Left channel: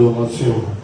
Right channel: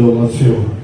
l'adoration.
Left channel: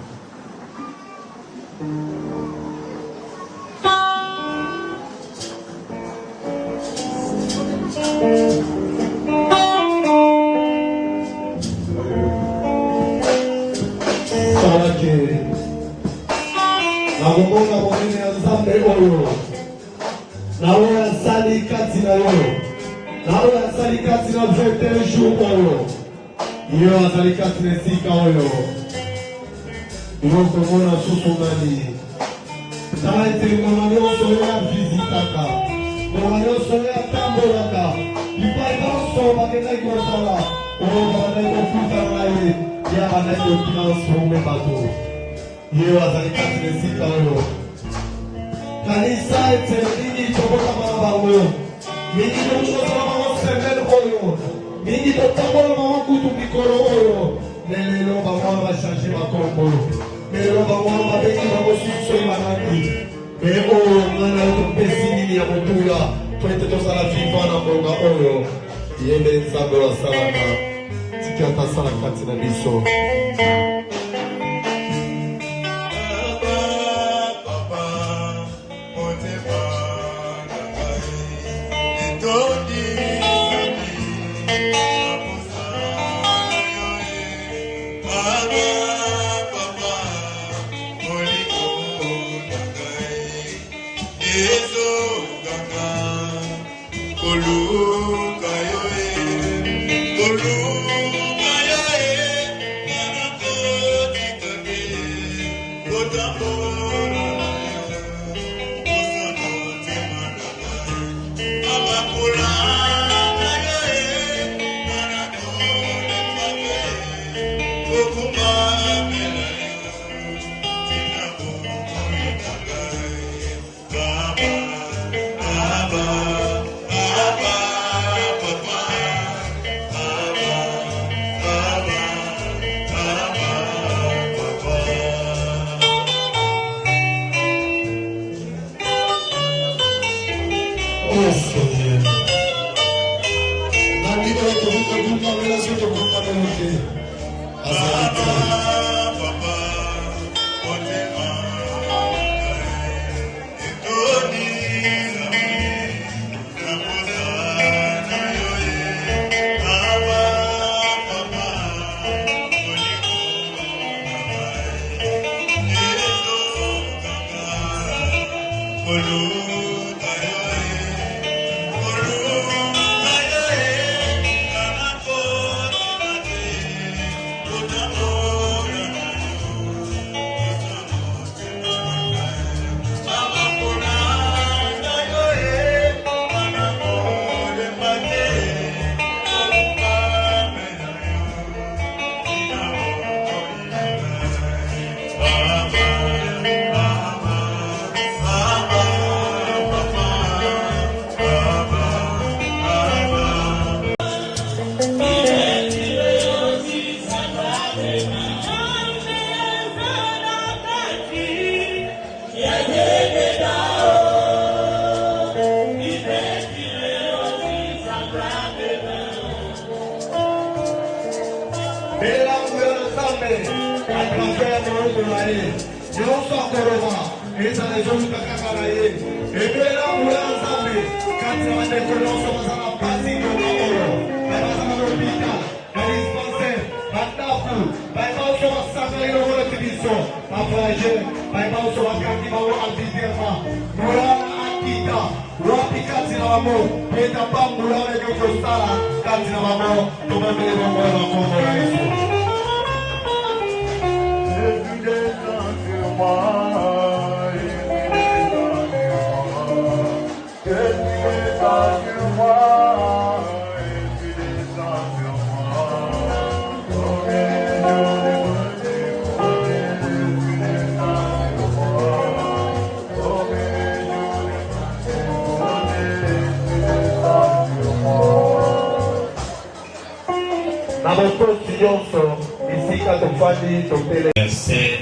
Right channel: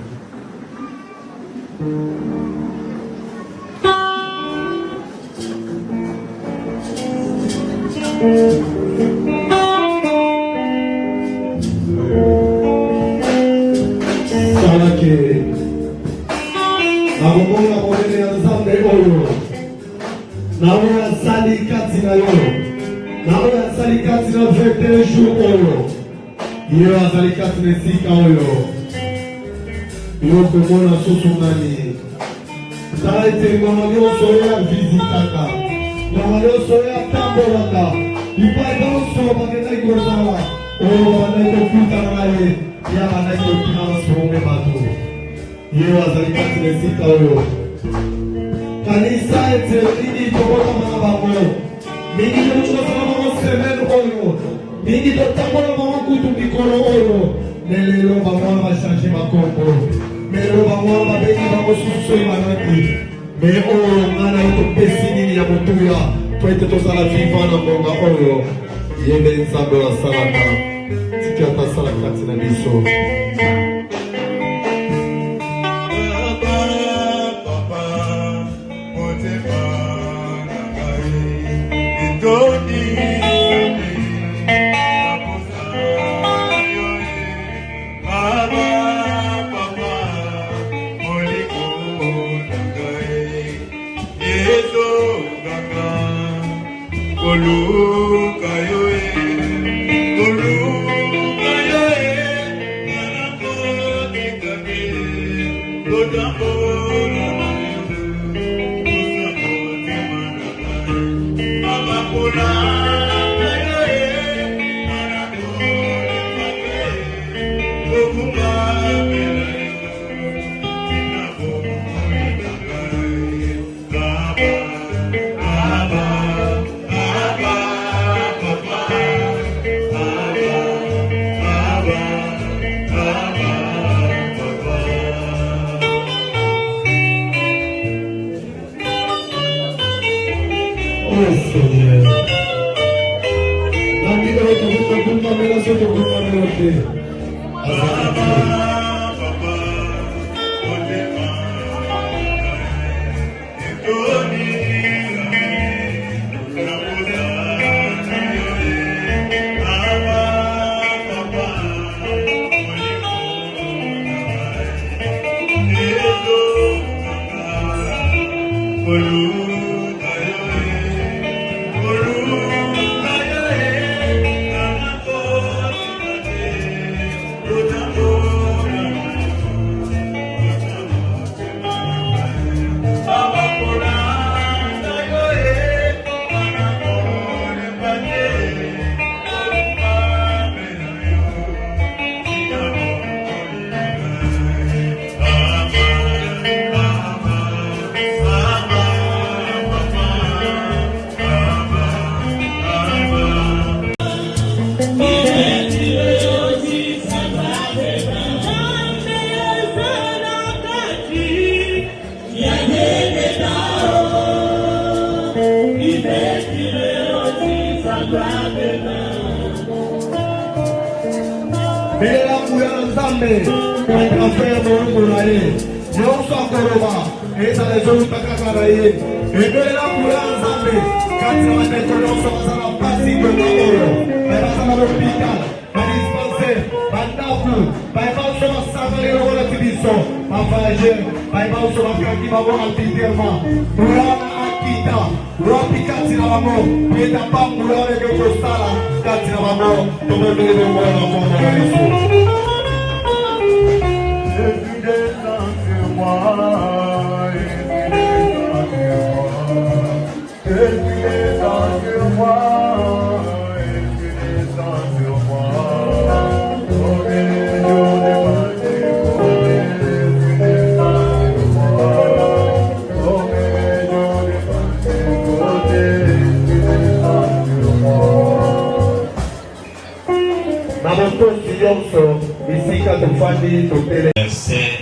Verset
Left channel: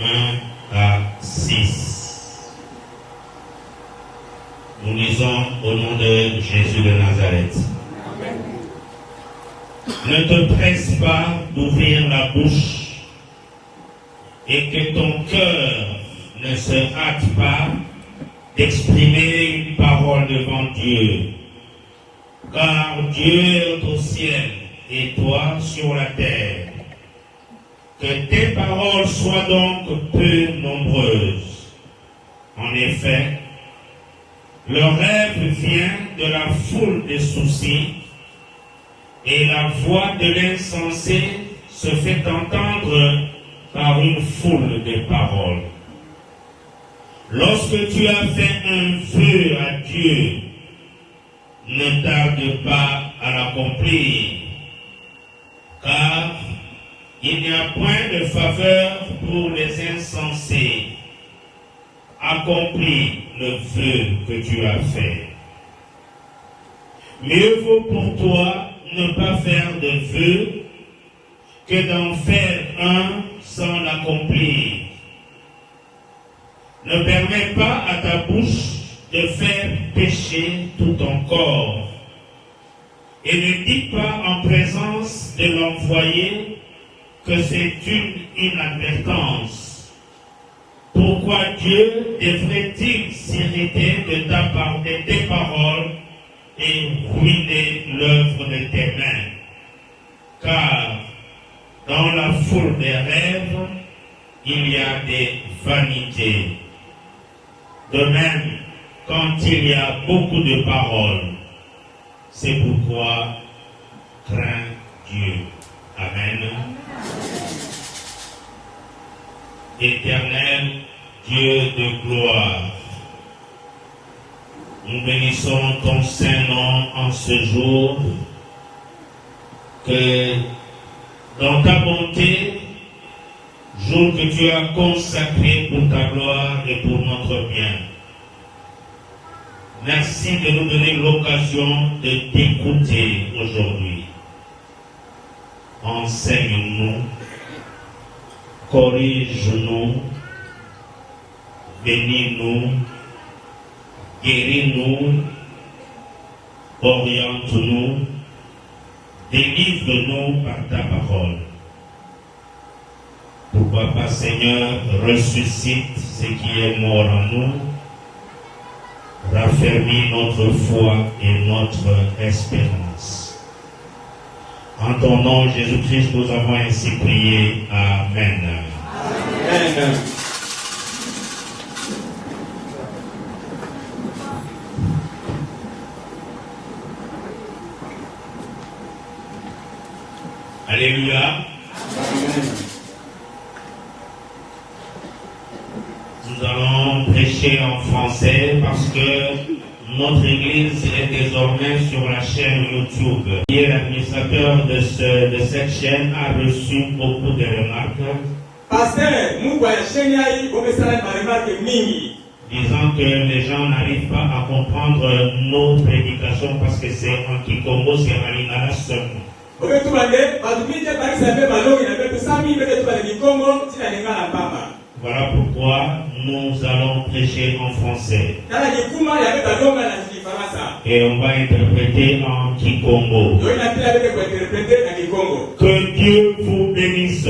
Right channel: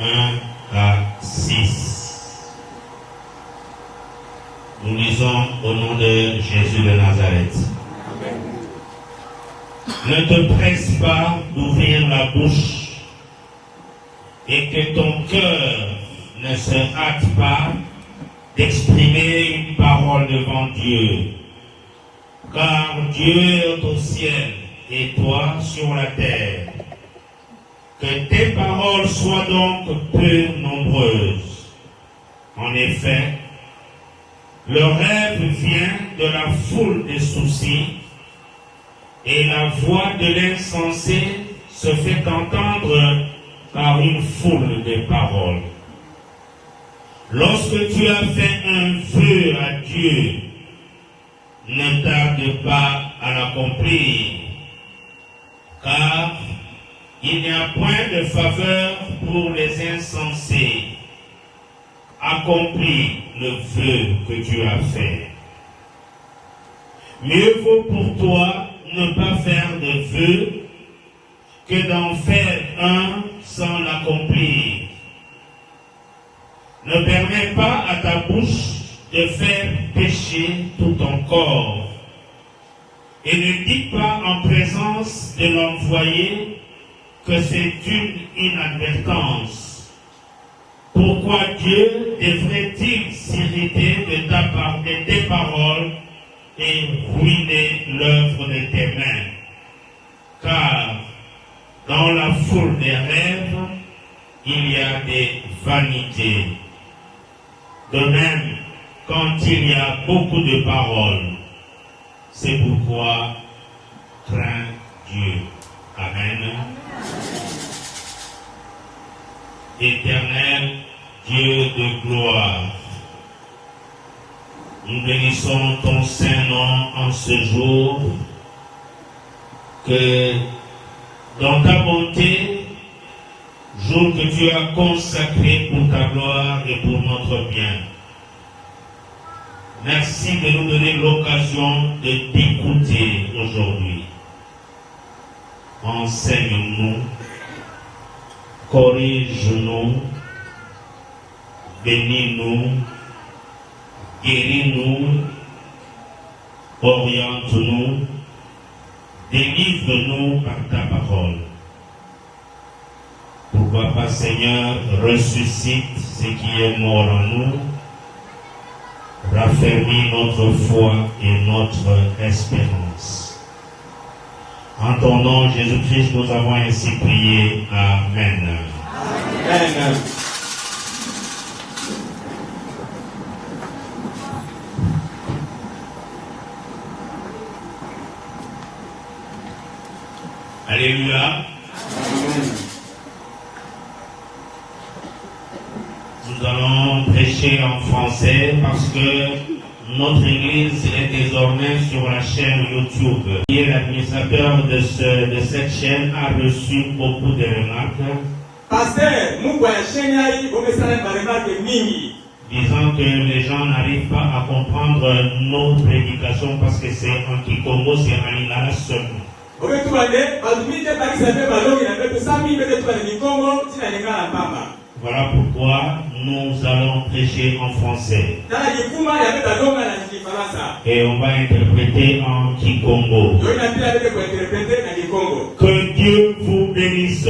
1 à 6. Nous lisons au nom de Jésus de Nazareth. Ne te presse pas d'ouvrir la bouche et que ton cœur ne se hâte pas d'exprimer une parole devant Dieu. Car Dieu est au ciel et toi sur la terre. Que tes paroles soient donc peu nombreuses. En effet, le rêve vient de la foule des soucis et la voix de l'insensé se fait entendre par une foule de paroles. Lorsque tu as fait un vœu à Dieu, ne tarde pas à l'accomplir, car il n'y a point de faveur pour les insensés. Accomplis le vœu que tu as fait. Mieux vaut pour toi ne pas faire de vœu que d'en faire un sans l'accomplir. Ne permets pas à ta bouche de faire pécher tout ton corps. Et ne dis pas en présence de l'envoyé que c'est une inadvertance. Pourquoi Dieu devrait-il s'irriter de tes paroles et ruiner l'œuvre de tes mains? Car dans la foule des rêves, il y a des vanités. De même, quand il y a beaucoup de paroles, c'est pourquoi crains Dieu. Amen. Éternel Dieu de gloire, nous bénissons ton Saint-Nom en ce jour, que dans ta bonté, jour que tu as consacré pour ta gloire et pour notre bien. Merci de nous donner l'occasion de t'écouter aujourd'hui. Enseigne-nous, corrige-nous, bénis-nous, guéris-nous, oriente-nous, délivre-nous par ta parole. Pourquoi pas, Seigneur, ressuscite ce qui est mort en nous, raffermis notre foi et notre espérance. En ton nom, Jésus-Christ, nous avons ainsi prié. Amen. Amen. Alléluia. Amen. Nous allons prêcher en français parce que notre église est désormais sur la chaîne YouTube. Et l'administrateur de cette chaîne a reçu beaucoup de remarques. Disant que les gens n'arrivent pas à comprendre nos prédications parce que c'est en Kikongo, c'est en Inaras. Voilà pourquoi nous allons prêcher en français. Et on va interpréter en Kikongo. Que Dieu vous bénisse.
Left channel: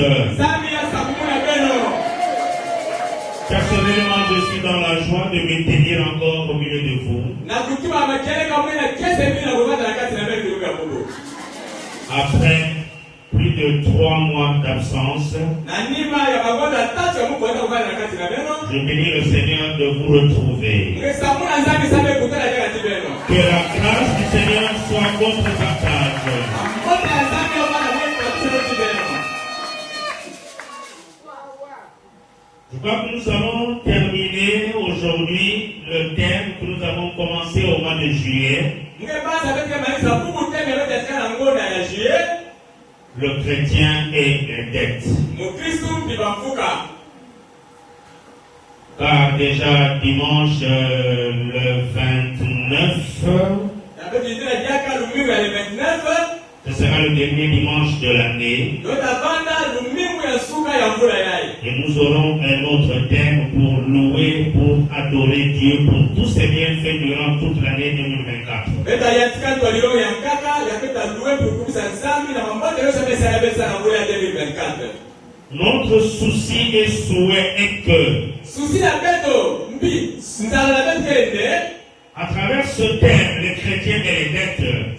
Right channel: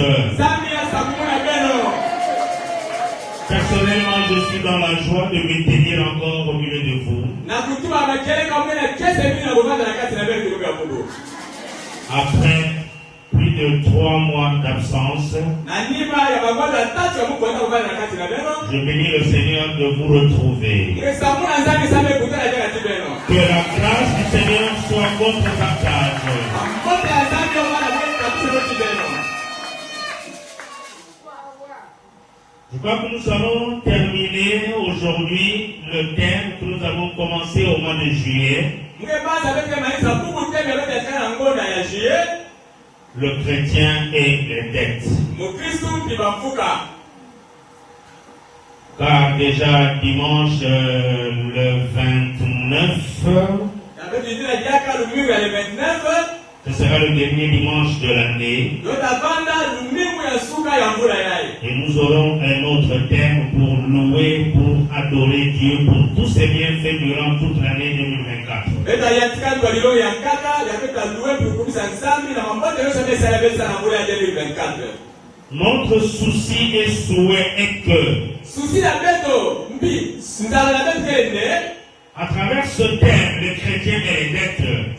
Personnellement, je suis dans la joie de me tenir encore au milieu de vous. Après plus de 3 mois d'absence, je bénis le Seigneur de vous retrouver. Que la grâce du Seigneur soit votre partage. Je crois que nous allons terminer aujourd'hui le thème que nous avons commencé au mois de juillet. Le chrétien et les dettes. Car déjà dimanche le 29, ce sera le dernier dimanche de l'année. Et nous aurons un autre thème pour louer, pour adorer Dieu pour tous ses bienfaits durant toute l'année 2024. Notre souci et souhait est que, à travers ce thème, les chrétiens et les dettes,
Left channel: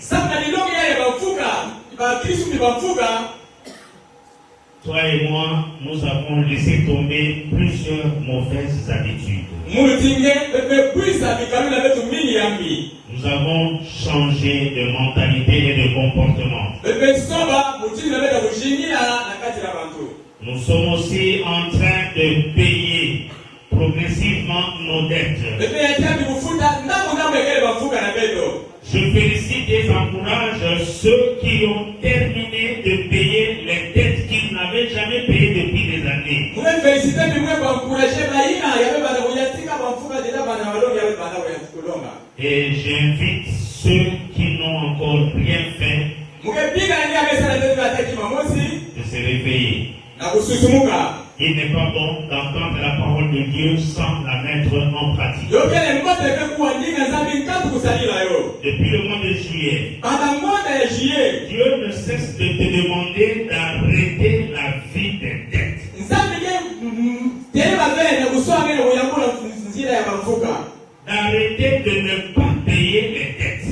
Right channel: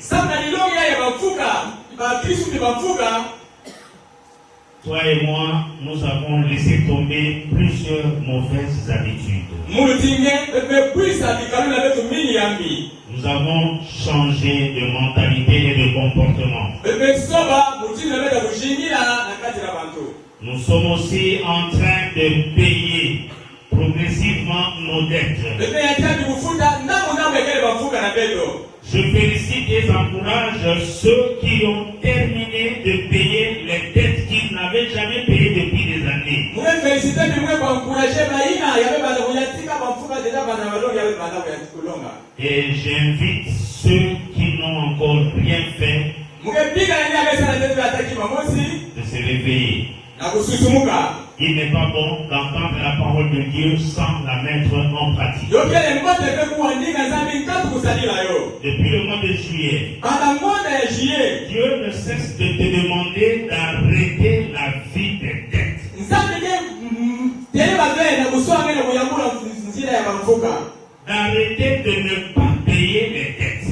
toi et moi, nous avons laissé tomber plusieurs mauvaises habitudes. Nous avons changé de mentalité et de comportement. Nous sommes aussi en train de payer progressivement nos dettes. Je félicite et encourage ceux qui ont terminé de payer les dettes qu'ils n'avaient jamais payées depuis des années. Et j'invite ceux qui n'ont encore rien fait de se réveiller. Il n'est pas bon d'entendre la parole de Dieu sans la mettre en pratique. Depuis le mois de juillet, Dieu ne cesse de te demander d'arrêter la vie des dettes. D'arrêter de ne pas payer les dettes.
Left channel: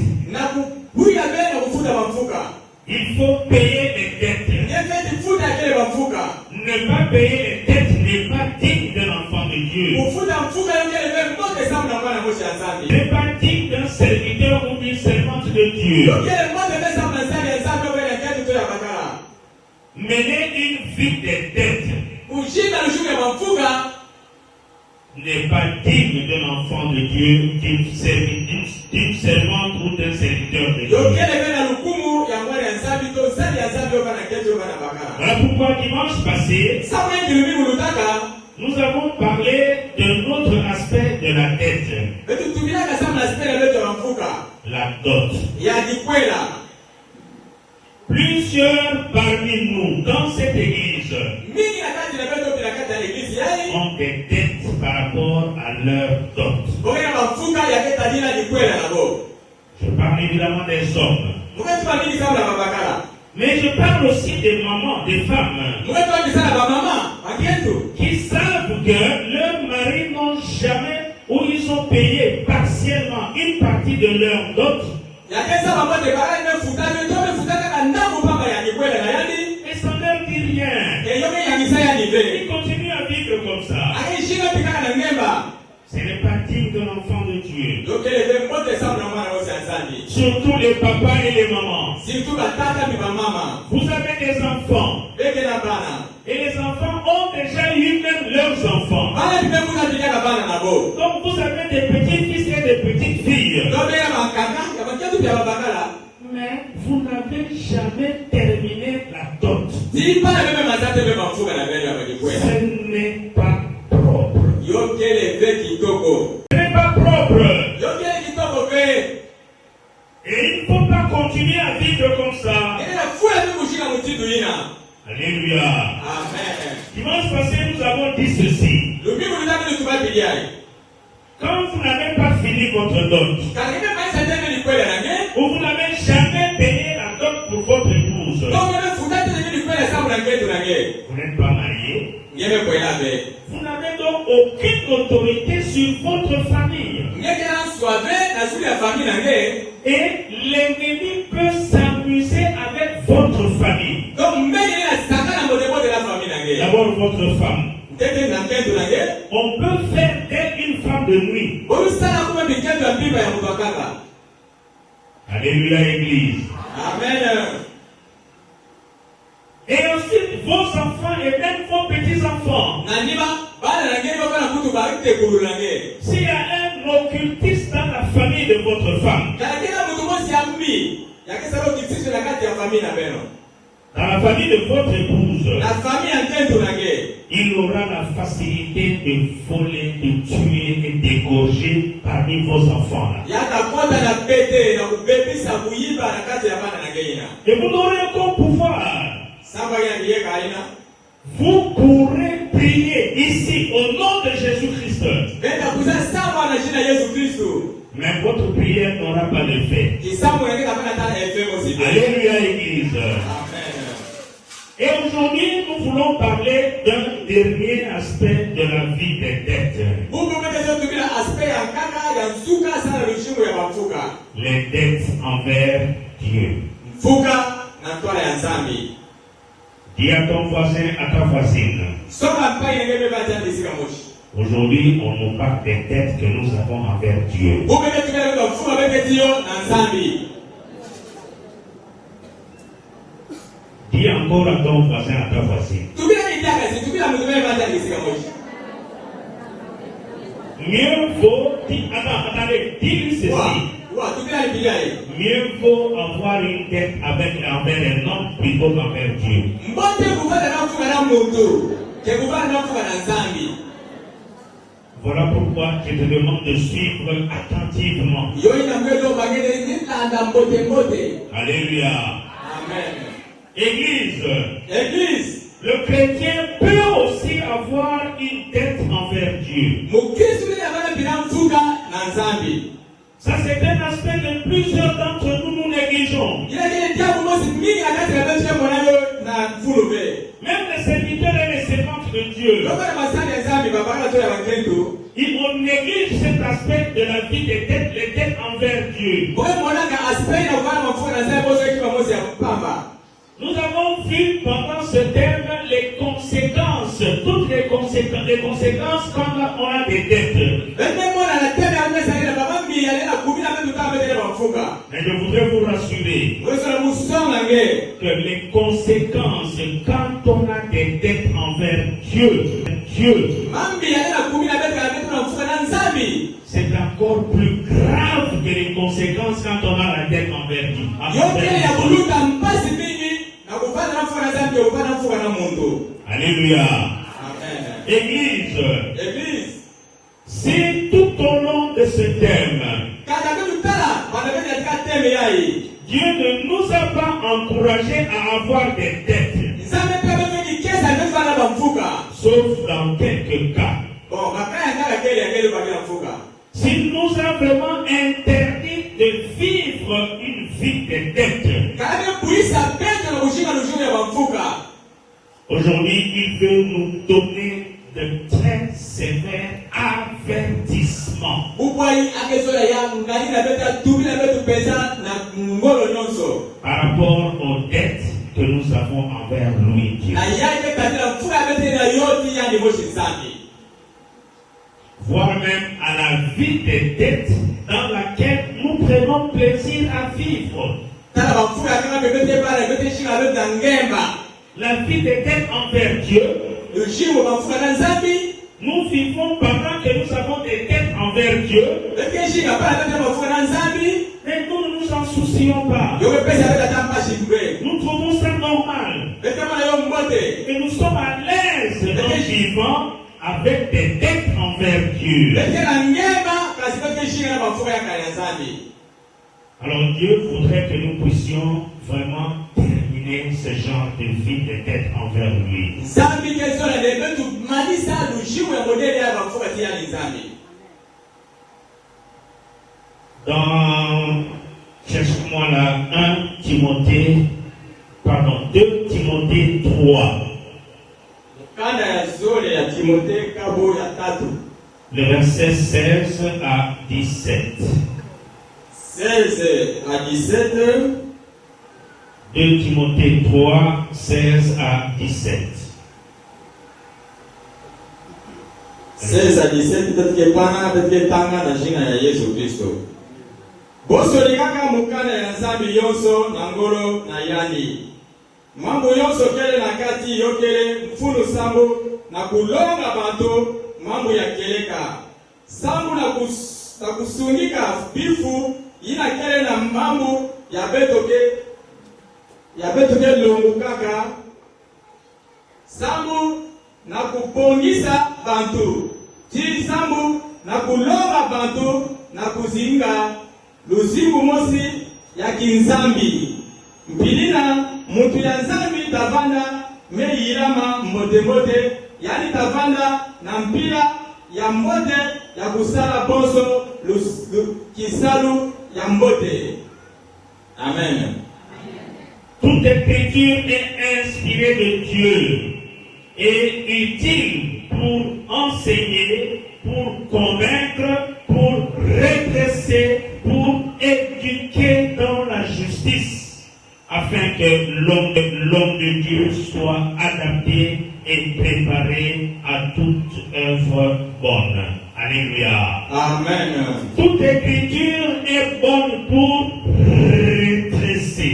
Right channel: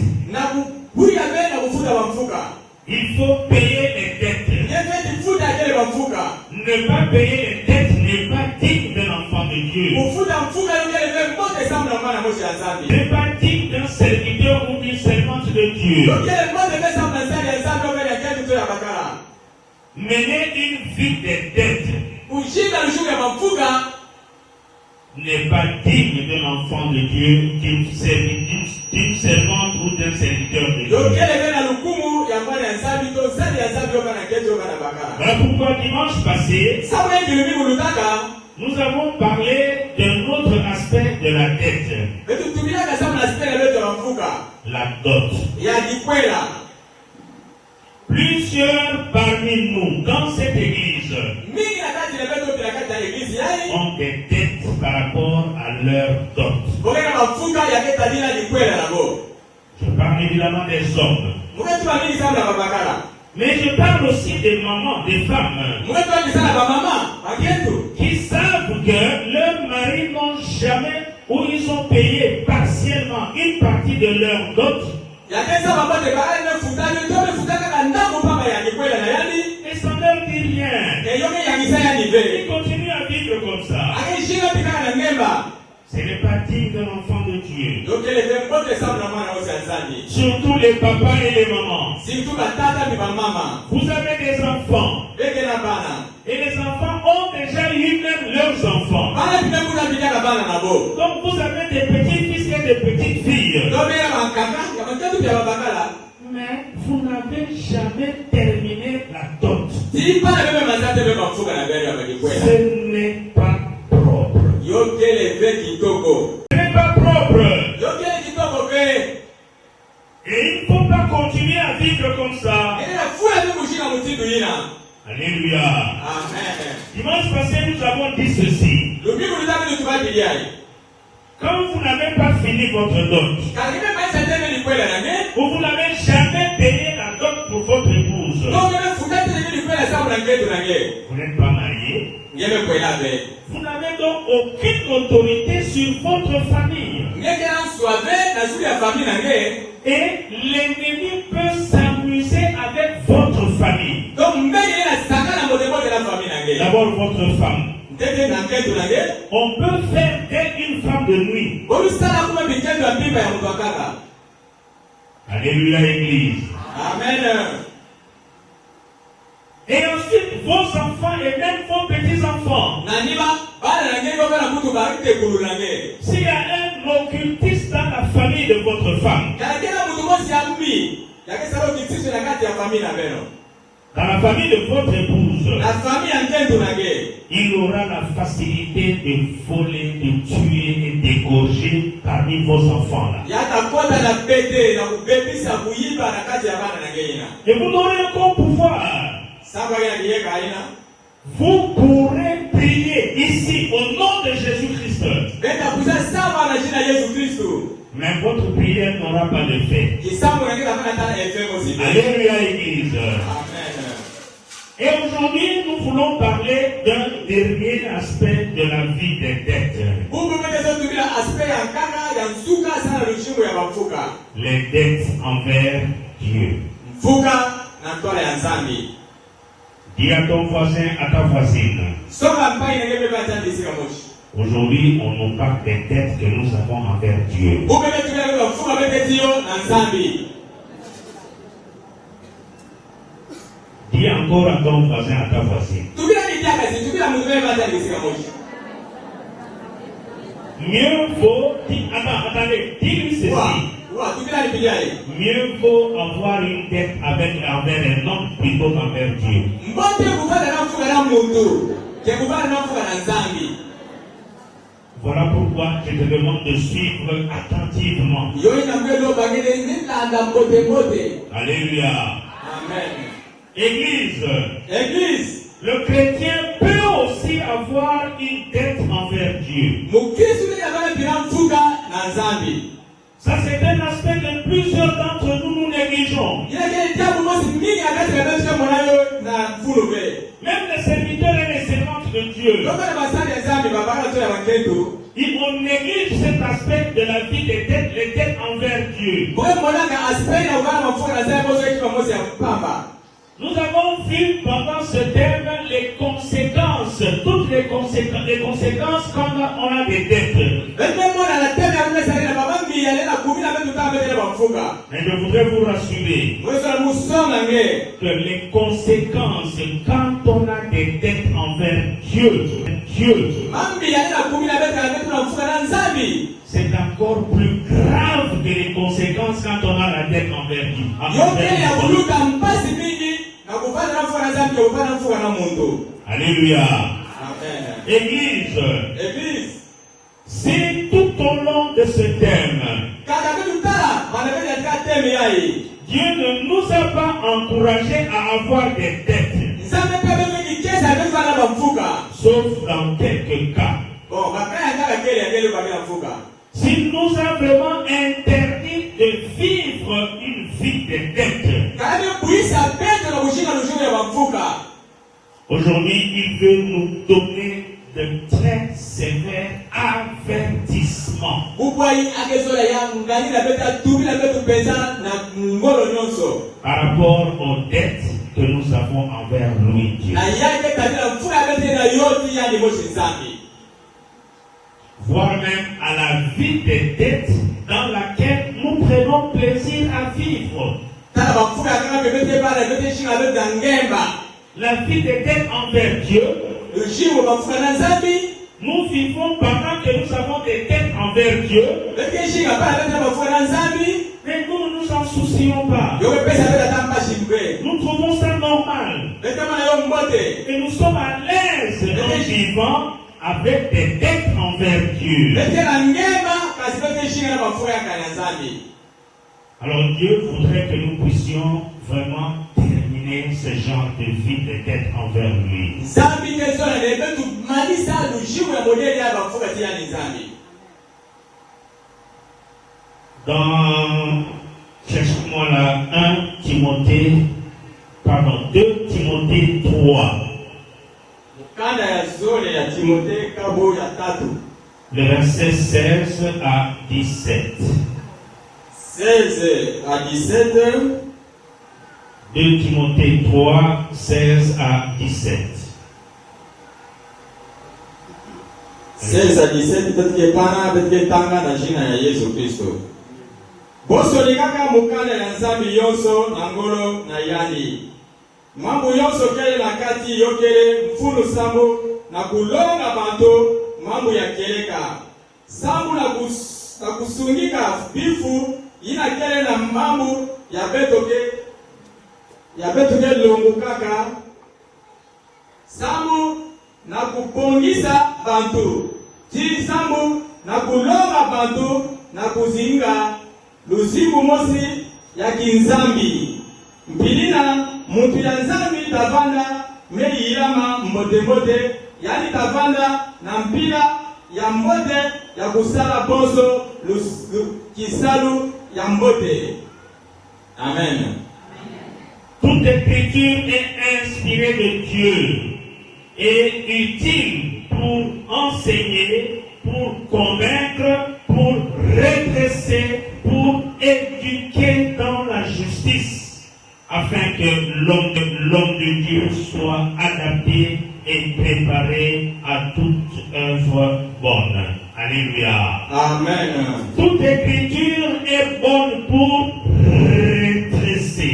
Il faut payer les dettes. Ne pas payer les dettes n'est pas digne d'un enfant de Dieu. N'est pas digne d'un serviteur ou d'une servante de Dieu. Mener une vie de dettes n'est pas digne d'un enfant de Dieu, d'une servante ou d'un serviteur de Dieu. Voilà pourquoi dimanche passé, nous avons parlé de l'autre aspect de la dette. La dot. Plusieurs parmi nous dans cette église ont des dettes par rapport à leur dot. Je parle évidemment des hommes. Mais je parle aussi des mamans, des femmes qui savent que leurs maris n'ont jamais ou ils ont payé partiellement une partie de leur dot. Mais ça ne leur dit rien. Ils continuent à vivre comme ça. Ce n'est pas digne de l'enfant de Dieu. Surtout les papas et les mamans. Vous avez des enfants. Et les enfants ont déjà eu même leurs enfants. Donc vous avez des petits-fils et des petites filles. Mais vous n'avez jamais terminé la dot. Ce n'est pas propre. Ce n'est pas propre. Et il ne faut pas continuer à vivre comme ça. Alléluia. Dimanche passé, nous avons dit ceci. Quand vous n'avez pas fini votre dot, ou vous n'avez jamais payé la dot pour votre épouse, vous n'êtes pas marié, vous n'avez donc aucune autorité sur votre famille. Et l'ennemi peut s'amuser avec votre famille. D'abord votre femme. On peut faire d'elle une femme de nuit. Alléluia, Église. Amen. Et ensuite, vos enfants et même vos petits-enfants. S'il y a un occultiste dans la famille de votre femme, dans la famille de votre épouse, il aura la facilité de voler, de tuer et d'égorger parmi vos enfants. Et vous n'aurez aucun pouvoir. Vous pourrez prier ici au nom de Jésus-Christ. Mais votre prière n'aura pas d'effet. Alléluia, Église. Et aujourd'hui, nous voulons parler parler d'un dernier aspect de la vie des dettes. Les dettes envers Dieu. Dis à ton voisin, à ta voisine. Aujourd'hui, on nous parle des dettes que nous avons envers Dieu. Dis encore à ton voisin, à ta voisine. Mieux vaut, attendez, dis ceci. Mieux vaut avoir une dette envers un homme plutôt qu'envers Dieu. Voilà pourquoi je te demande de suivre attentivement. Alléluia. Amen. Église. Le chrétien peut aussi avoir une dette envers Dieu. Ça, c'est un aspect que plusieurs d'entre nous négligeons. Même les serviteurs et les servantes de Dieu, ils négligent cet aspect de la vie des dettes, les dettes envers Dieu. Nous avons vu pendant ce thème les conséquences, toutes les conséquences quand on a des dettes. Mais je voudrais vous rassurer que les conséquences quand on a des dettes envers Dieu, c'est encore plus grave que les conséquences quand on a la dette envers Dieu. Alléluia. Église. Si tout au long de ce thème, Dieu ne nous a pas encouragés à avoir des dettes, sauf dans quelques cas. S'il nous a vraiment interdit de vivre une vie de dette, aujourd'hui il veut nous donner de très sévères avertissements par rapport aux dettes que nous avons envers lui, Dieu. Voire même à la vie des dettes dans laquelle nous prenons plaisir à vivre. La vie des dettes envers Dieu, nous vivons pendant que nous avons des dettes envers Dieu, mais nous ne nous en soucions pas. Nous trouvons ça normal. Et nous sommes à l'aise en vivant avec des dettes envers Dieu. Alors Dieu voudrait que nous puissions vraiment terminer ce genre de vie de dettes envers lui. Dans, cherche-moi là, 2 Timothée 3. Le verset 16 à 17. 16 à 17. 2 Timothée 3, 16 à 17. 16 à 17, tetupanga na jina ya Yesu Kristo. Bosolikaka mukana ya nzambi yonso na ngolo na ilani. Mambo yonso kele na kati yokele mfulu sambo na kulonga banto mambo ya keleka. Sambo na kusungika bifu ina kele na mambo ya betoke longukaka. Sambo na kupongisa bantu. Chiri sambo na kulonga bantu na kuzinga luzibu mosi ya kinzambi. Mpilina mutu ya nzambi tavanda meirama mbote yani tavanda na mpila ya mbote ya kusala boso kisalu ya mbote. Amen. Toute écriture est inspirée de Dieu est utile pour enseigner, pour convaincre, pour redresser, pour éduquer dans la justice, afin que l'homme de Dieu soit adapté et préparé à toute œuvre bonne. Alléluia. Amen. Toute écriture est bonne pour redresser.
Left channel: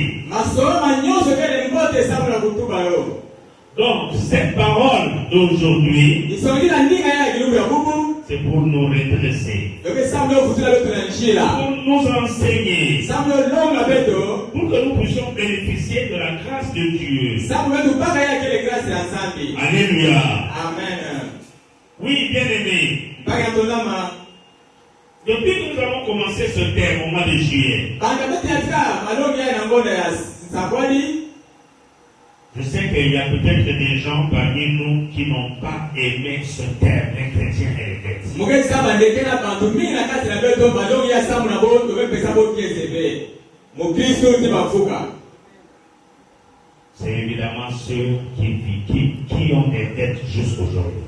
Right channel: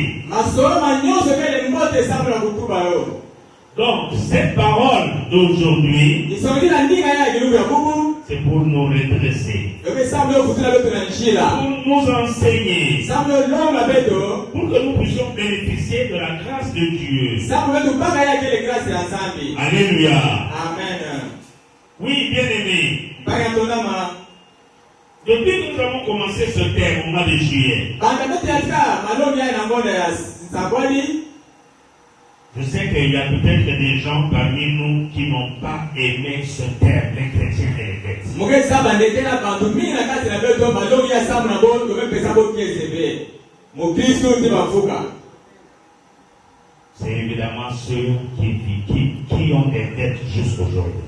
Donc, cette parole d'aujourd'hui, c'est pour nous redresser, pour nous enseigner, pour que nous puissions bénéficier de la grâce de Dieu. Alléluia. Amen. Oui, bien-aimés, depuis que nous avons commencé ce thème au mois de juillet, je sais qu'il y a peut-être des gens parmi nous qui n'ont pas aimé ce terme, les chrétiens et les c'est évidemment ceux qui ont des têtes jusqu'aujourd'hui.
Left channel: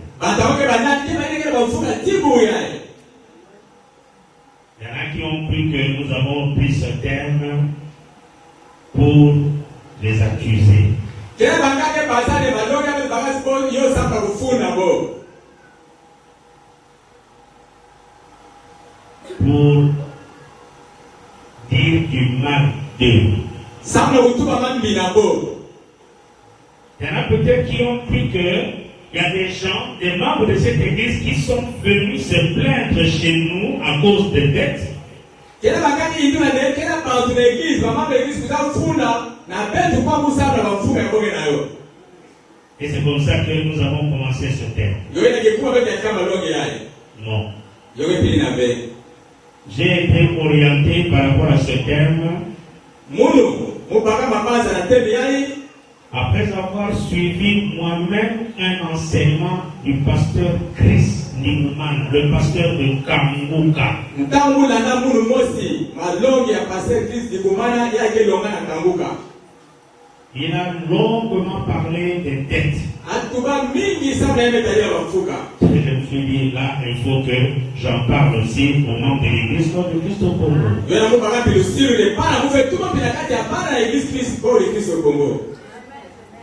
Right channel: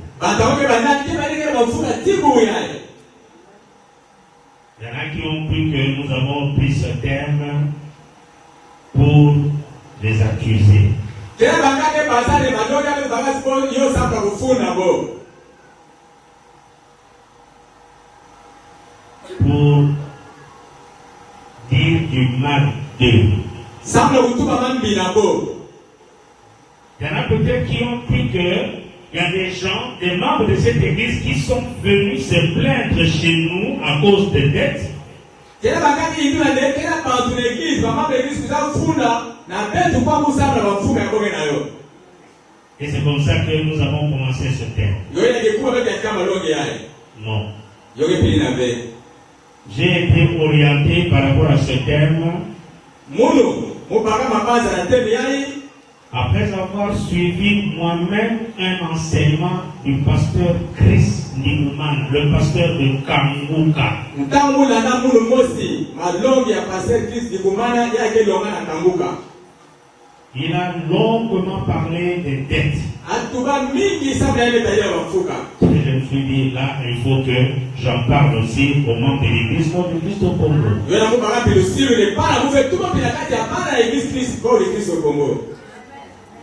Il y en a qui ont cru que nous avons pris ce terme pour les accuser. Pour dire du mal d'eux. Il y en a peut-être qui ont cru qu'il y a des gens, des membres de cette église qui sont venus se plaindre chez nous à cause de dettes. Et c'est comme ça que nous avons commencé ce thème. Non. J'ai été orienté par rapport à ce thème après avoir suivi moi-même un enseignement du pasteur Chris Newman, le pasteur de Kanguka. Il a longuement parlé des dettes. Et je me suis dit, là, il faut que j'en parle aussi au nom de l'église de Christ au Congo.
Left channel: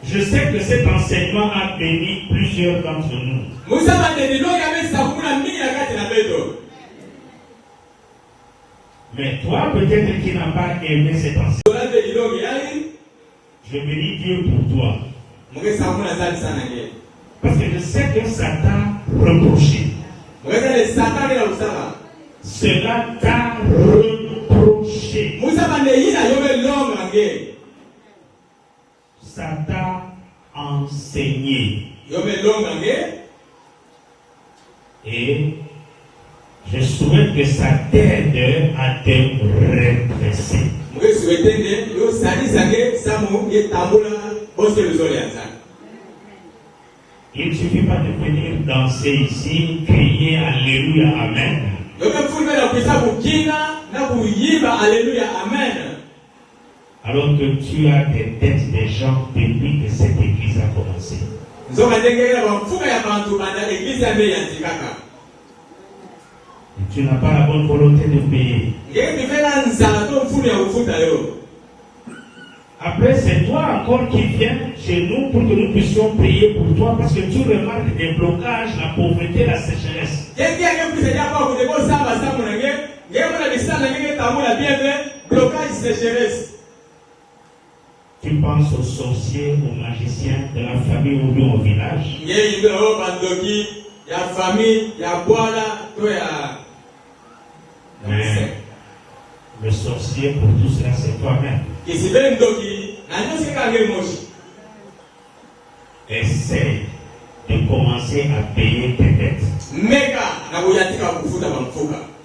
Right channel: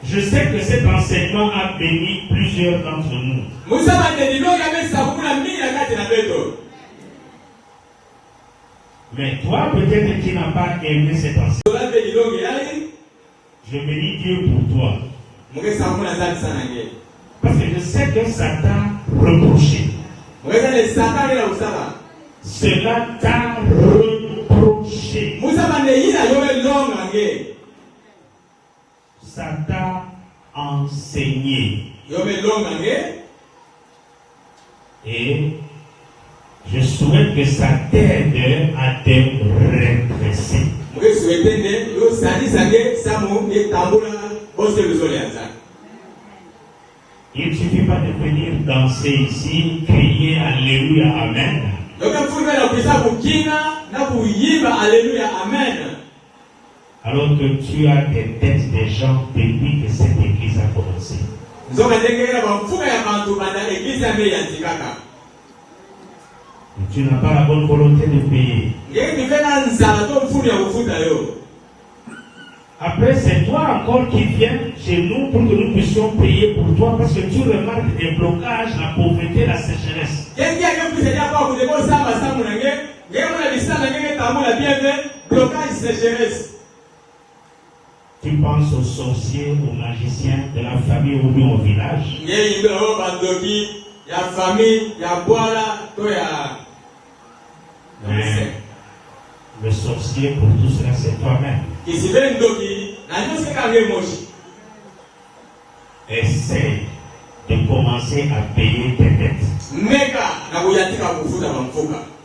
Je sais que cet enseignement a béni plusieurs d'entre nous. Mais toi, peut-être qui n'as pas aimé cet enseignement, je bénis Dieu pour toi. Parce que je sais que ça t'a reproché. Cela t'a reproché. Ça t'a enseigné. Et je souhaite que ça t'aide à te redresser. Il ne suffit pas de venir danser ici, crier Alléluia, Amen. Alors que tu as des têtes des gens depuis que cette église a commencé. Tu n'as pas la bonne volonté de payer. Après, c'est toi encore qui viens chez nous pour que nous puissions prier pour toi parce que tu remarques des blocages, la pauvreté, la sécheresse. Tu penses aux sorciers, aux magiciens de la famille ou bien au village. Mais le sorcier pour tout cela, c'est toi-même. Essaye de commencer à payer tes dettes.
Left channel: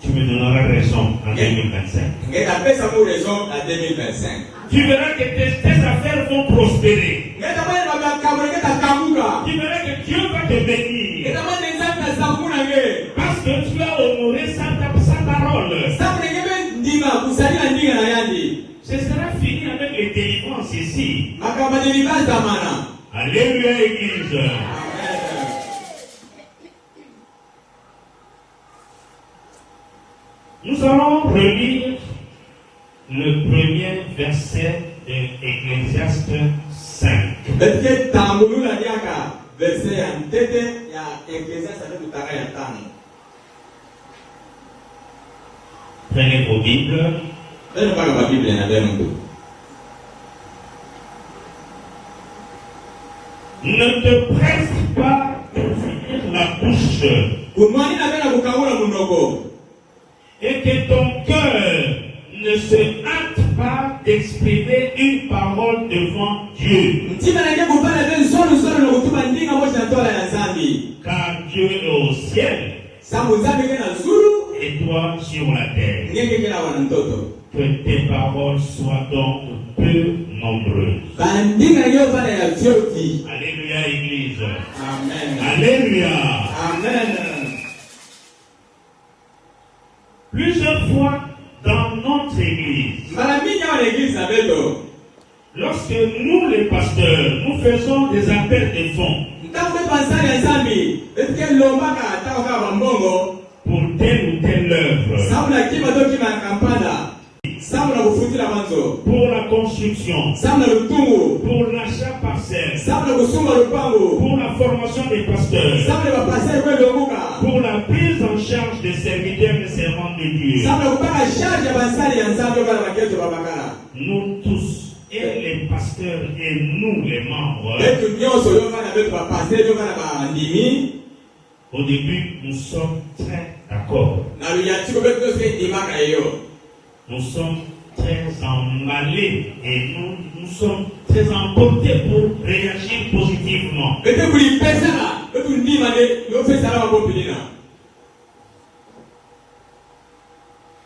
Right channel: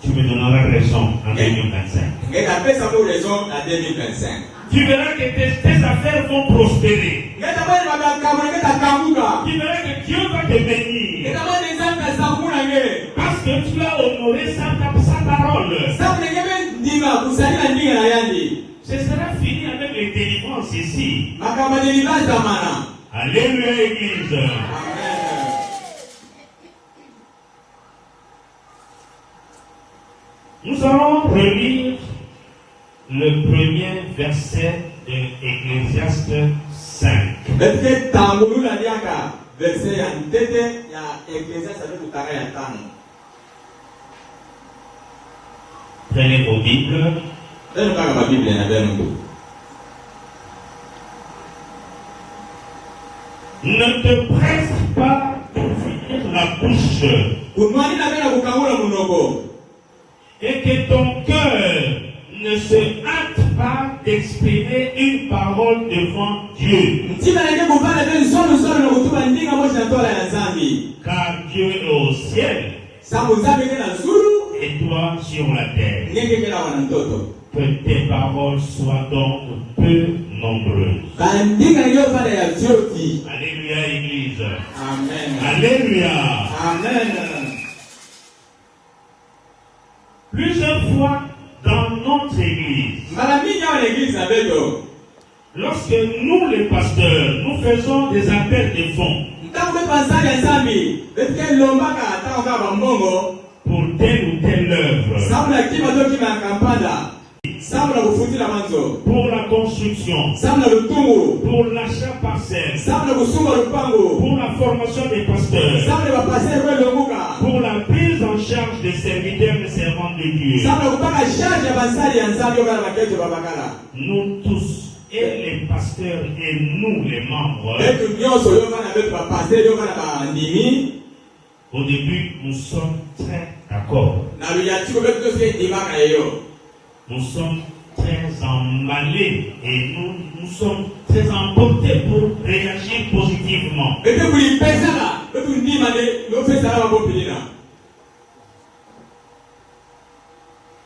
Tu me donneras raison en 2025. Tu verras que tes affaires vont prospérer. Tu verras que Dieu va te bénir. Parce que tu as honoré sa parole. Ce sera fini avec les délivrances ici. Alléluia, l'église. Nous allons relire le premier verset de Ecclésiaste 5. Prenez vos Bibles. Ne te presse pas de finir la bouche et que ton cœur ne se hâte pas d'exprimer une parole devant Dieu. Car Dieu est au ciel et toi sur la terre. Que tes paroles soient donc peu nombreuses. Alléluia, Église. Amen. Alléluia. Amen. Plusieurs fois dans notre Église, lorsque nous les pasteurs, nous faisons des appels de fonds pour telle ou telle œuvre, pour la construction, pour l'achat parcelle, pour la formation des pasteurs, pour la prise en charge des serviteurs et servants de Dieu. Nous tous, et les pasteurs et nous les membres, au début, nous sommes très d'accord. Nous sommes très emballés et nous sommes très emportés pour réagir positivement.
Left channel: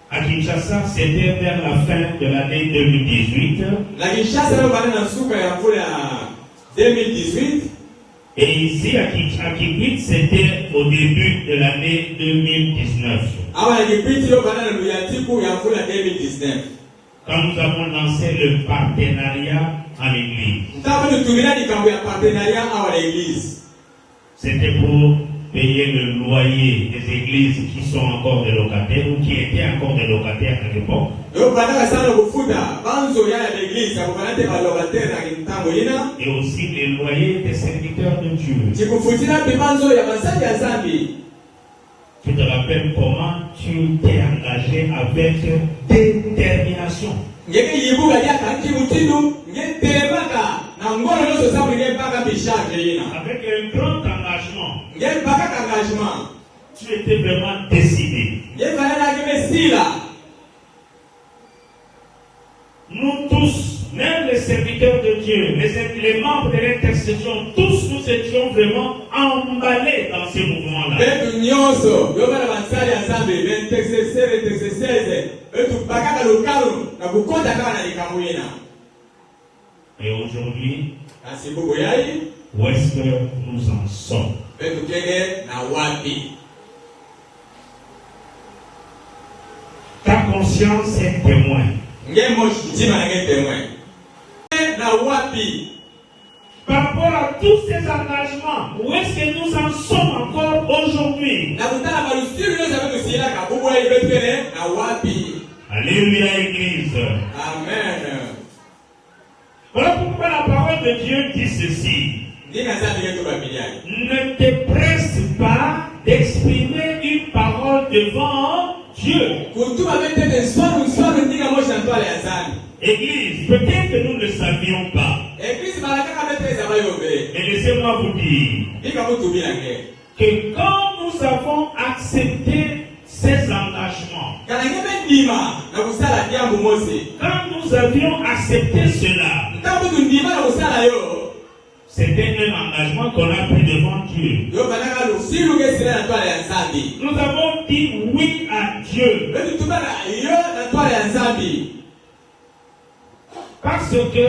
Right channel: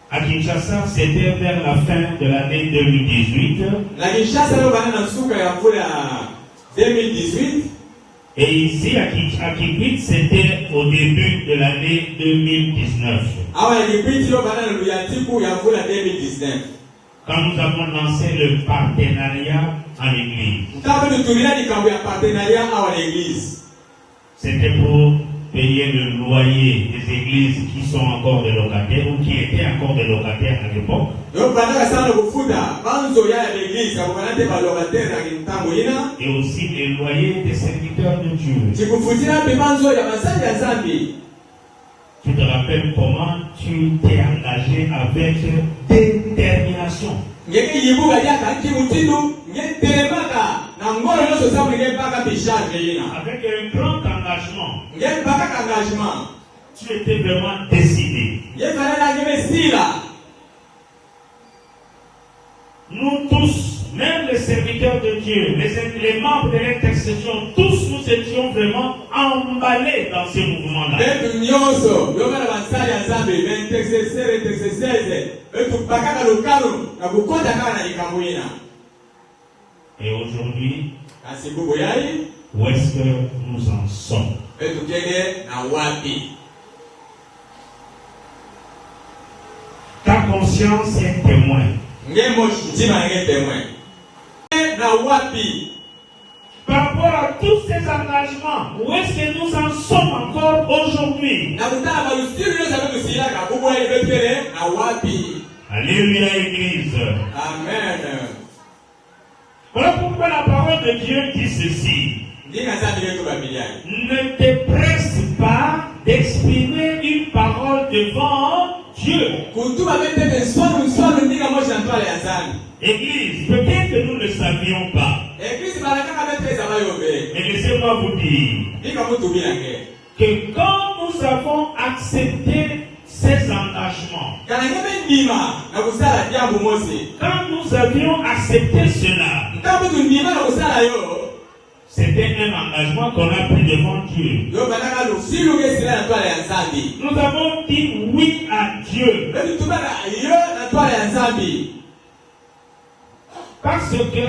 À Kinshasa, c'était vers la fin de l'année 2018. Et ici, à Kikwit, c'était au début de l'année 2019. Quand nous avons lancé le partenariat en Église. C'était pour payer le loyer des églises qui sont encore des locataires ou qui étaient encore des locataires à l'époque. Et aussi les loyers des serviteurs de Dieu. Tu te rappelles comment tu t'es engagé avec détermination. Avec un grand engagement. Tu étais vraiment décidé. Nous tous, même les serviteurs de Dieu, les membres de l'intercession, tous nous étions vraiment emballés dans ce mouvement-là. Et aujourd'hui, où est-ce que nous en sommes? Ta conscience est témoin. Par rapport à tous ces engagements, où est-ce que nous en sommes encore aujourd'hui? Alléluia, Église. Amen. Voilà pourquoi la parole de Dieu dit ceci. Ne te presse pas d'exprimer une parole devant Dieu. Église, peut-être que nous ne le savions pas. Mais laissez-moi vous dire que quand nous avons accepté ces engagements, quand nous avions accepté cela, c'était un engagement qu'on a pris devant Dieu. Nous avons dit oui à Dieu. Parce que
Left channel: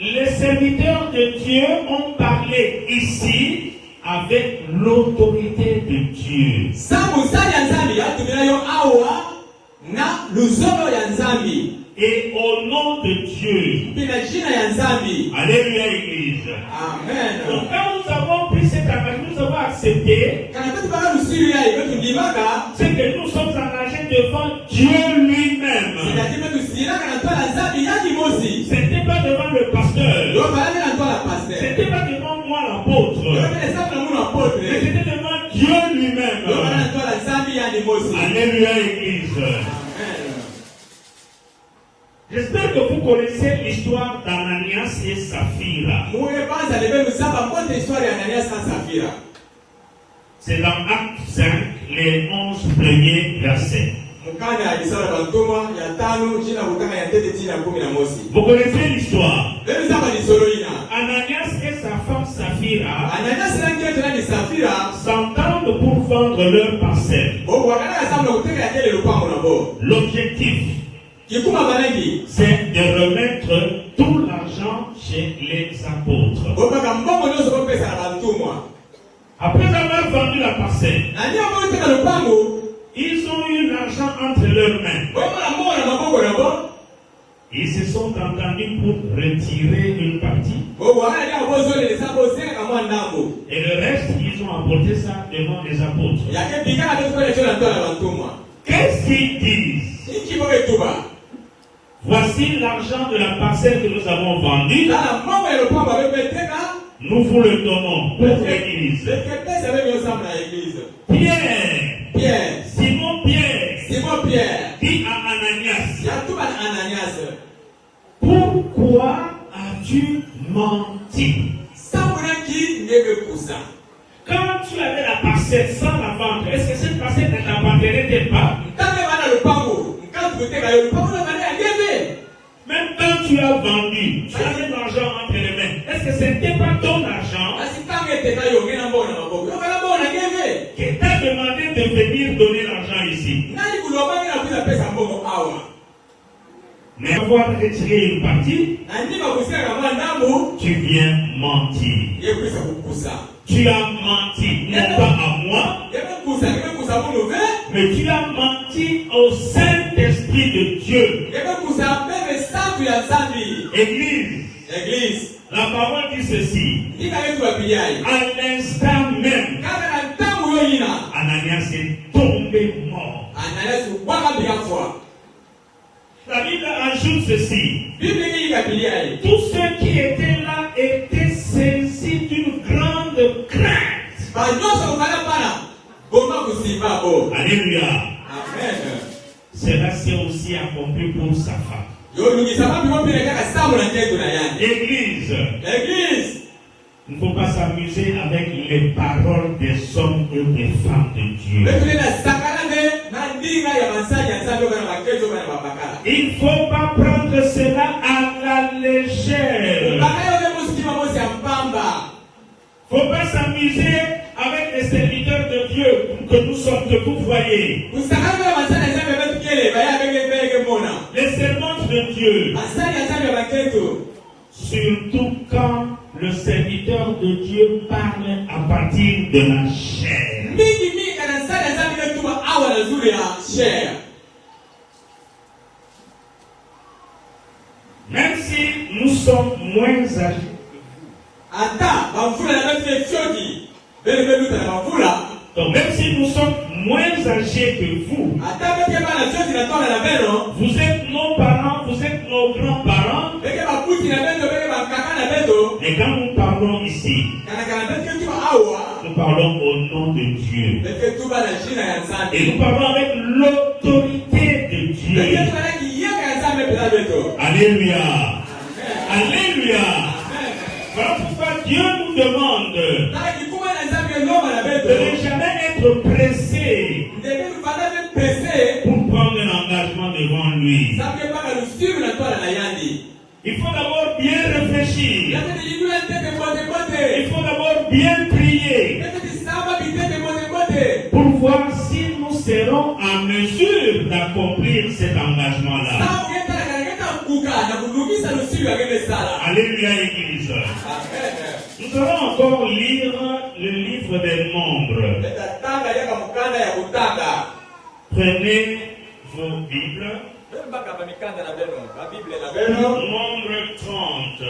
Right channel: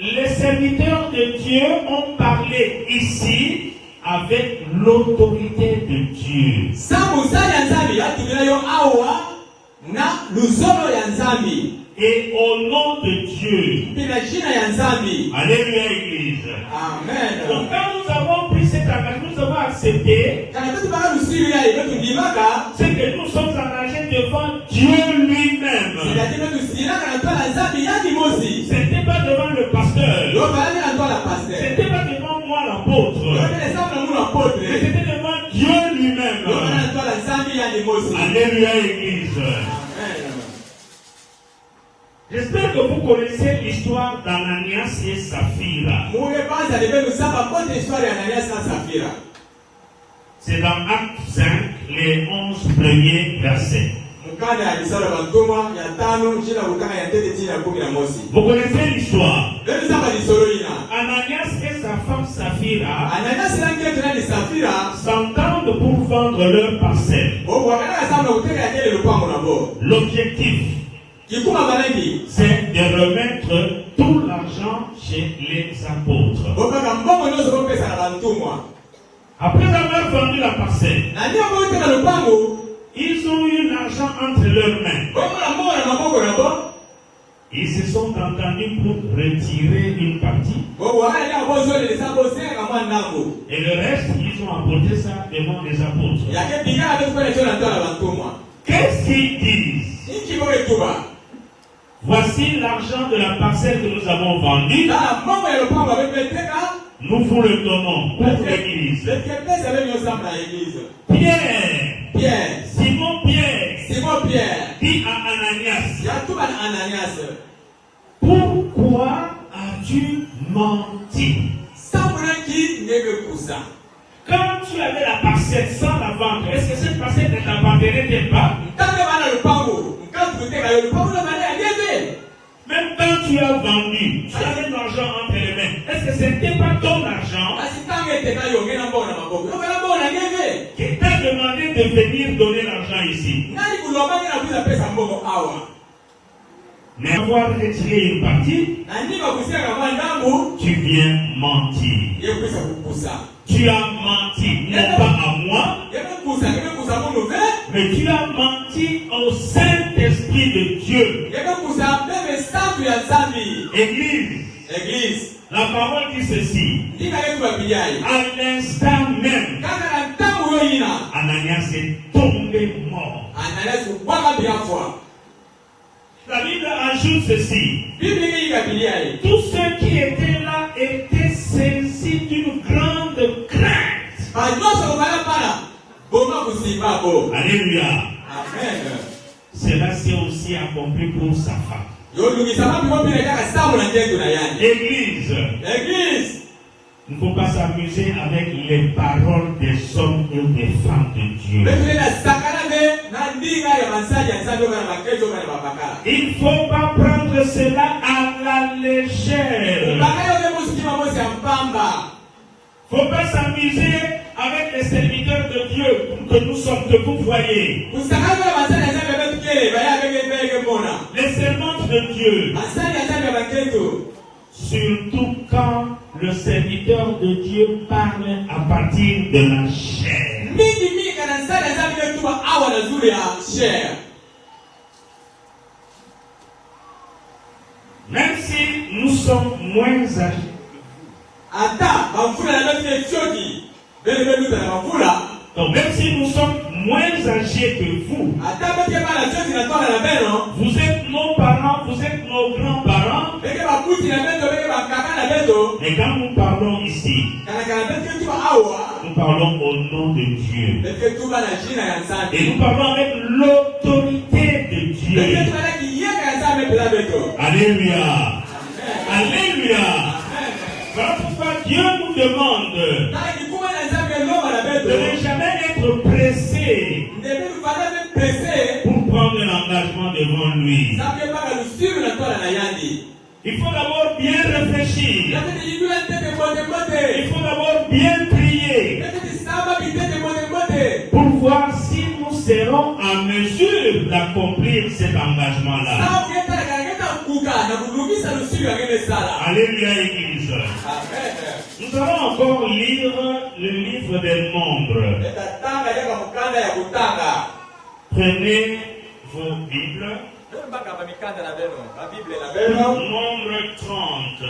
les serviteurs de Dieu ont parlé ici avec l'autorité de Dieu. Et au nom de Dieu. Alléluia, Église. Amen. Donc quand nous avons pris cet engagement, nous avons accepté, c'est que nous sommes engagés devant Dieu lui-même. C'est-à-dire que C'était pas devant le pasteur. C'était pas devant moi l'apôtre. Mais c'était devant Dieu lui-même. Alléluia, Église. J'espère que vous connaissez l'histoire d'Ananias et Saphira. C'est dans Acte 5, les 11 premiers versets. Vous connaissez l'histoire. Ananias et sa femme Saphira s'entendent pour vendre leur parcelle. L'objectif, c'est de remettre tout l'argent chez les apôtres. Après avoir vendu la parcelle, ils ont eu l'argent entre leurs mains. Ils se sont entendus pour retirer une partie. Et le reste, ils ont apporté ça devant les apôtres. Qu'est-ce qu'ils disent? Voici l'argent de la parcelle que nous avons vendue. Nous vous le donnons pour l'Église. Pierre, Simon Pierre, dit à Ananias, pourquoi as-tu menti? Quand tu avais la parcelle sans la vendre, est-ce que cette parcelle ne t'appartenait pas? Même quand tu as vendu, tu avais l'argent entre les mains. Est-ce que ce n'était pas ton argent qui t'a demandé de venir donner l'argent ici? Mais avoir retiré une partie, tu viens mentir. Tu as menti non pas à moi, mais tu as menti au Saint-Esprit de Dieu. Église, la parole dit ceci. À l'instant même, Ananias est tombé mort. La Bible ajoute ceci. Tous ceux qui étaient là étaient saisis d'une grande crainte. Alléluia. Amen. Cela s'est aussi accompli pour sa femme. Église. Il ne faut pas s'amuser avec les paroles des hommes et des femmes de Dieu. Il ne faut pas prendre cela à la légère. Il ne faut pas s'amuser avec les serviteurs de Dieu que nous sommes de vous voyez. Les servantes de Dieu. Surtout quand le serviteur de Dieu parle à partir de la chair. Même si nous sommes moins âgés, donc même si nous sommes moins âgés que vous, vous êtes nos parents, vous êtes nos grands-parents, et quand nous parlons ici, nous parlons au nom de Dieu. Et nous parlons avec l'autorité de Dieu. Alléluia. Alléluia. Voilà pourquoi Dieu nous demande de ne jamais être pressé pour prendre un engagement devant lui. Il faut d'abord bien réfléchir. Il faut d'abord bien prier pour voir si nous serons en mesure d'accomplir cet engagement-là. Alléluia, Église. Nous allons encore lire le livre des Nombres. Prenez vos Bibles. Nombre 30.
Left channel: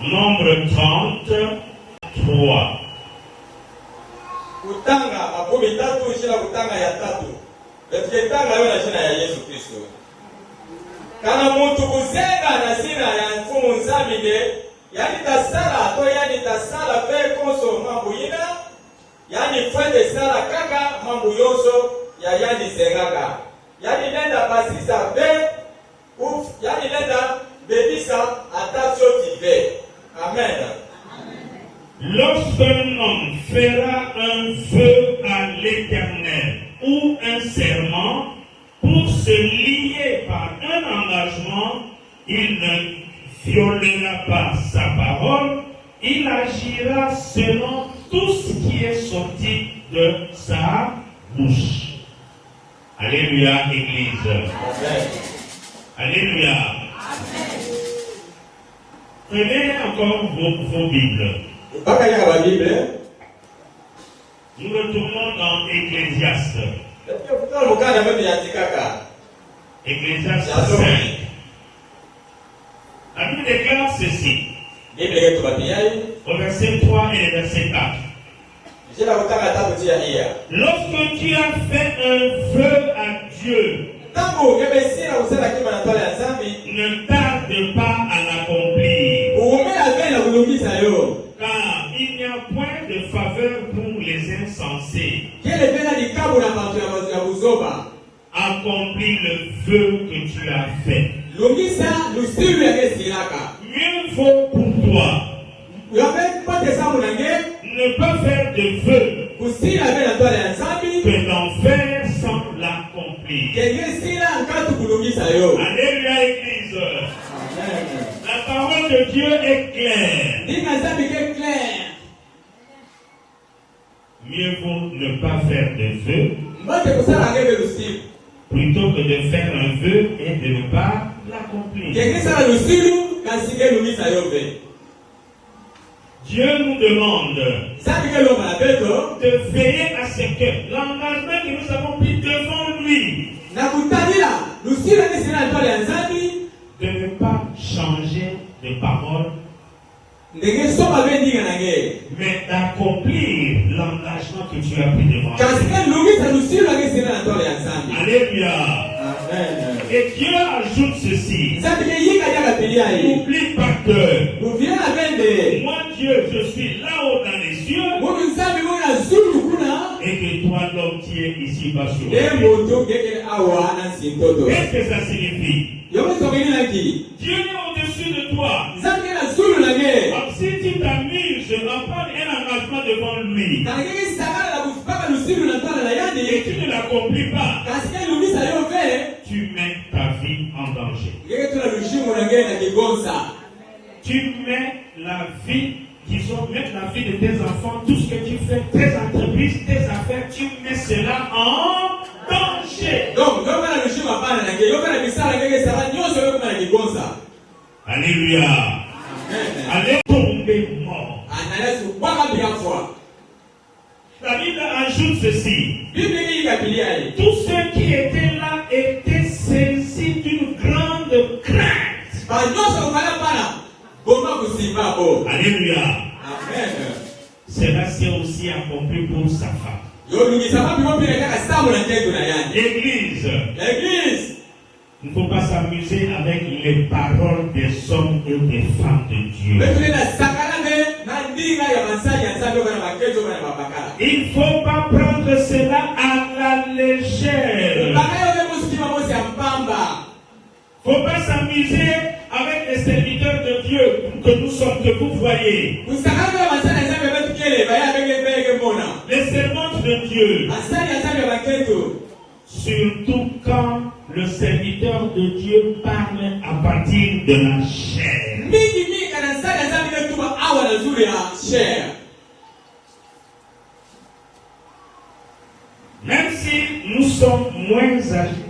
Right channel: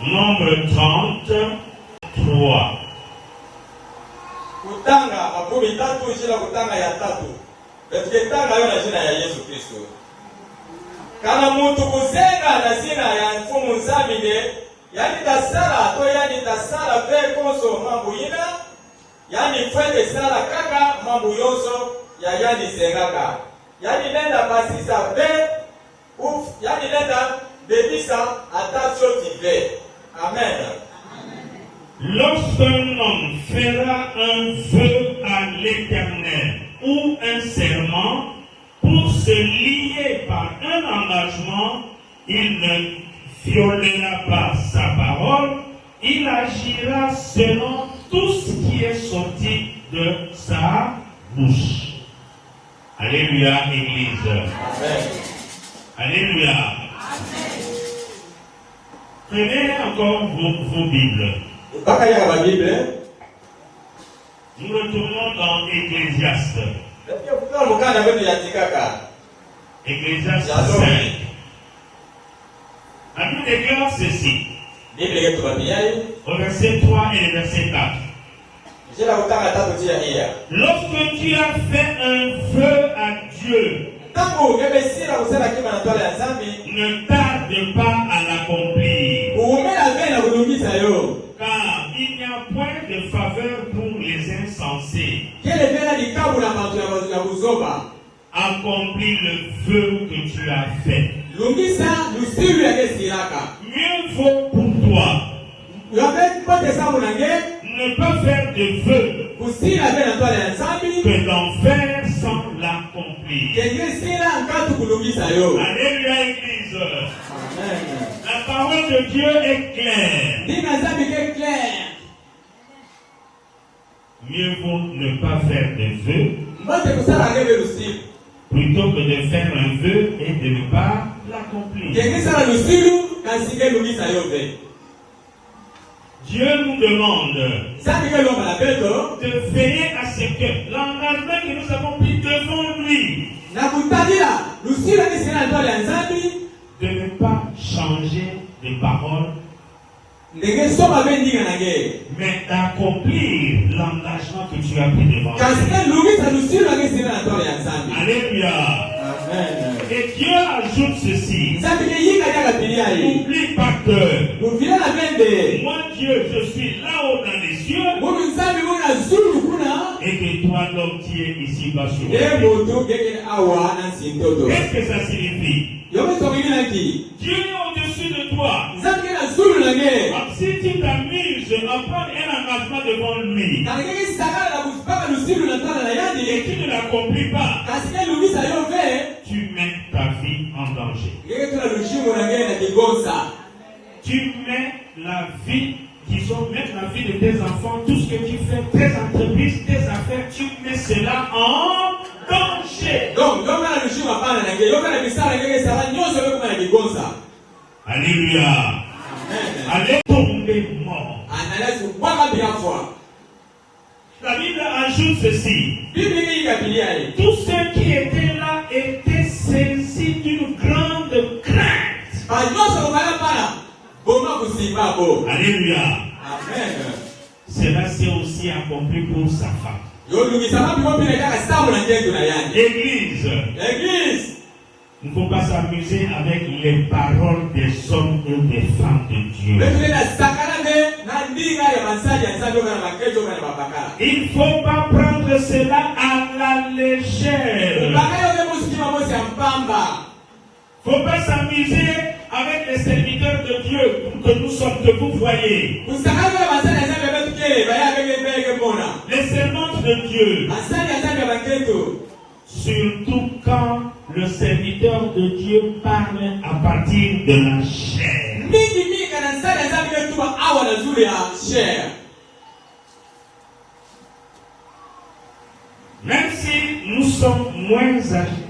Nombre 30, 3. kutanga makumi tatu jina kutanga ya tatu etuketanga yo na jina ya Yesu Kristo. Kana muntu kuzenga na zina ya mfumu nzamine yani tasala to yani tasala pe konso mambo yina yani twende sala kaka mambo yoso ya yani zengaka yani nenda basisa pe yani nenda debisa atatio dive. Amen. Lorsqu'un homme fera un vœu à l'Éternel ou un serment pour se lier par un engagement, il ne violera pas sa parole, il agira selon tout ce qui est sorti de sa bouche. Alléluia, Église. Alléluia. Prenez encore vos Bibles. Nous retournons dans Ecclésiaste. Ecclésiaste 5. La Bible déclare ceci. Au verset 3 et verset 4. Lorsque tu as fait un vœu à Dieu, ne tarde pas à l'accomplir. Car il n'y a point de faveur pour les insensés. Accomplis le vœu que tu as fait. Mieux vaut pour toi ne pas faire de vœu que d'en faire sans l'accomplir. Alléluia, Église. La parole de Dieu est claire. Mieux vaut ne pas faire de vœu plutôt que de faire un vœu et de ne pas l'accomplir. Dieu nous demande de veiller à ce que l'engagement que nous avons pris devant lui, de ne pas changer de parole, mais d'accomplir l'engagement que tu as pris devant lui. Alléluia. Et Dieu ajoute ceci. N'oublie pas que moi Dieu, je suis là-haut dans les cieux et que toi l'homme qui es ici bas sur la terre. Qu'est-ce que ça signifie? Dieu est au-dessus de toi. Donc si tu t'amuses à prendre un engagement devant lui et tu ne l'accomplis pas, tu mets ta vie en danger. Tu mets la vie, disons, même la vie de tes enfants, tout ce que tu fais, tes entreprises, tes affaires, tu mets cela en danger. Alléluia. Allez tomber mort. La Bible ajoute ceci. Tous ceux qui étaient là étaient saisis d'une grande crainte. Alléluia. Cela s'est aussi accompli pour sa femme. L'église. Il ne faut pas s'amuser avec les paroles des hommes et des femmes de Dieu. Il ne faut pas prendre cela à la légère. Il ne faut pas s'amuser avec les serviteurs de Dieu que nous sommes, que vous voyez. Les servantes de Dieu. Surtout quand le serviteur de Dieu parle à partir de la chair. Même si nous sommes moins âgés,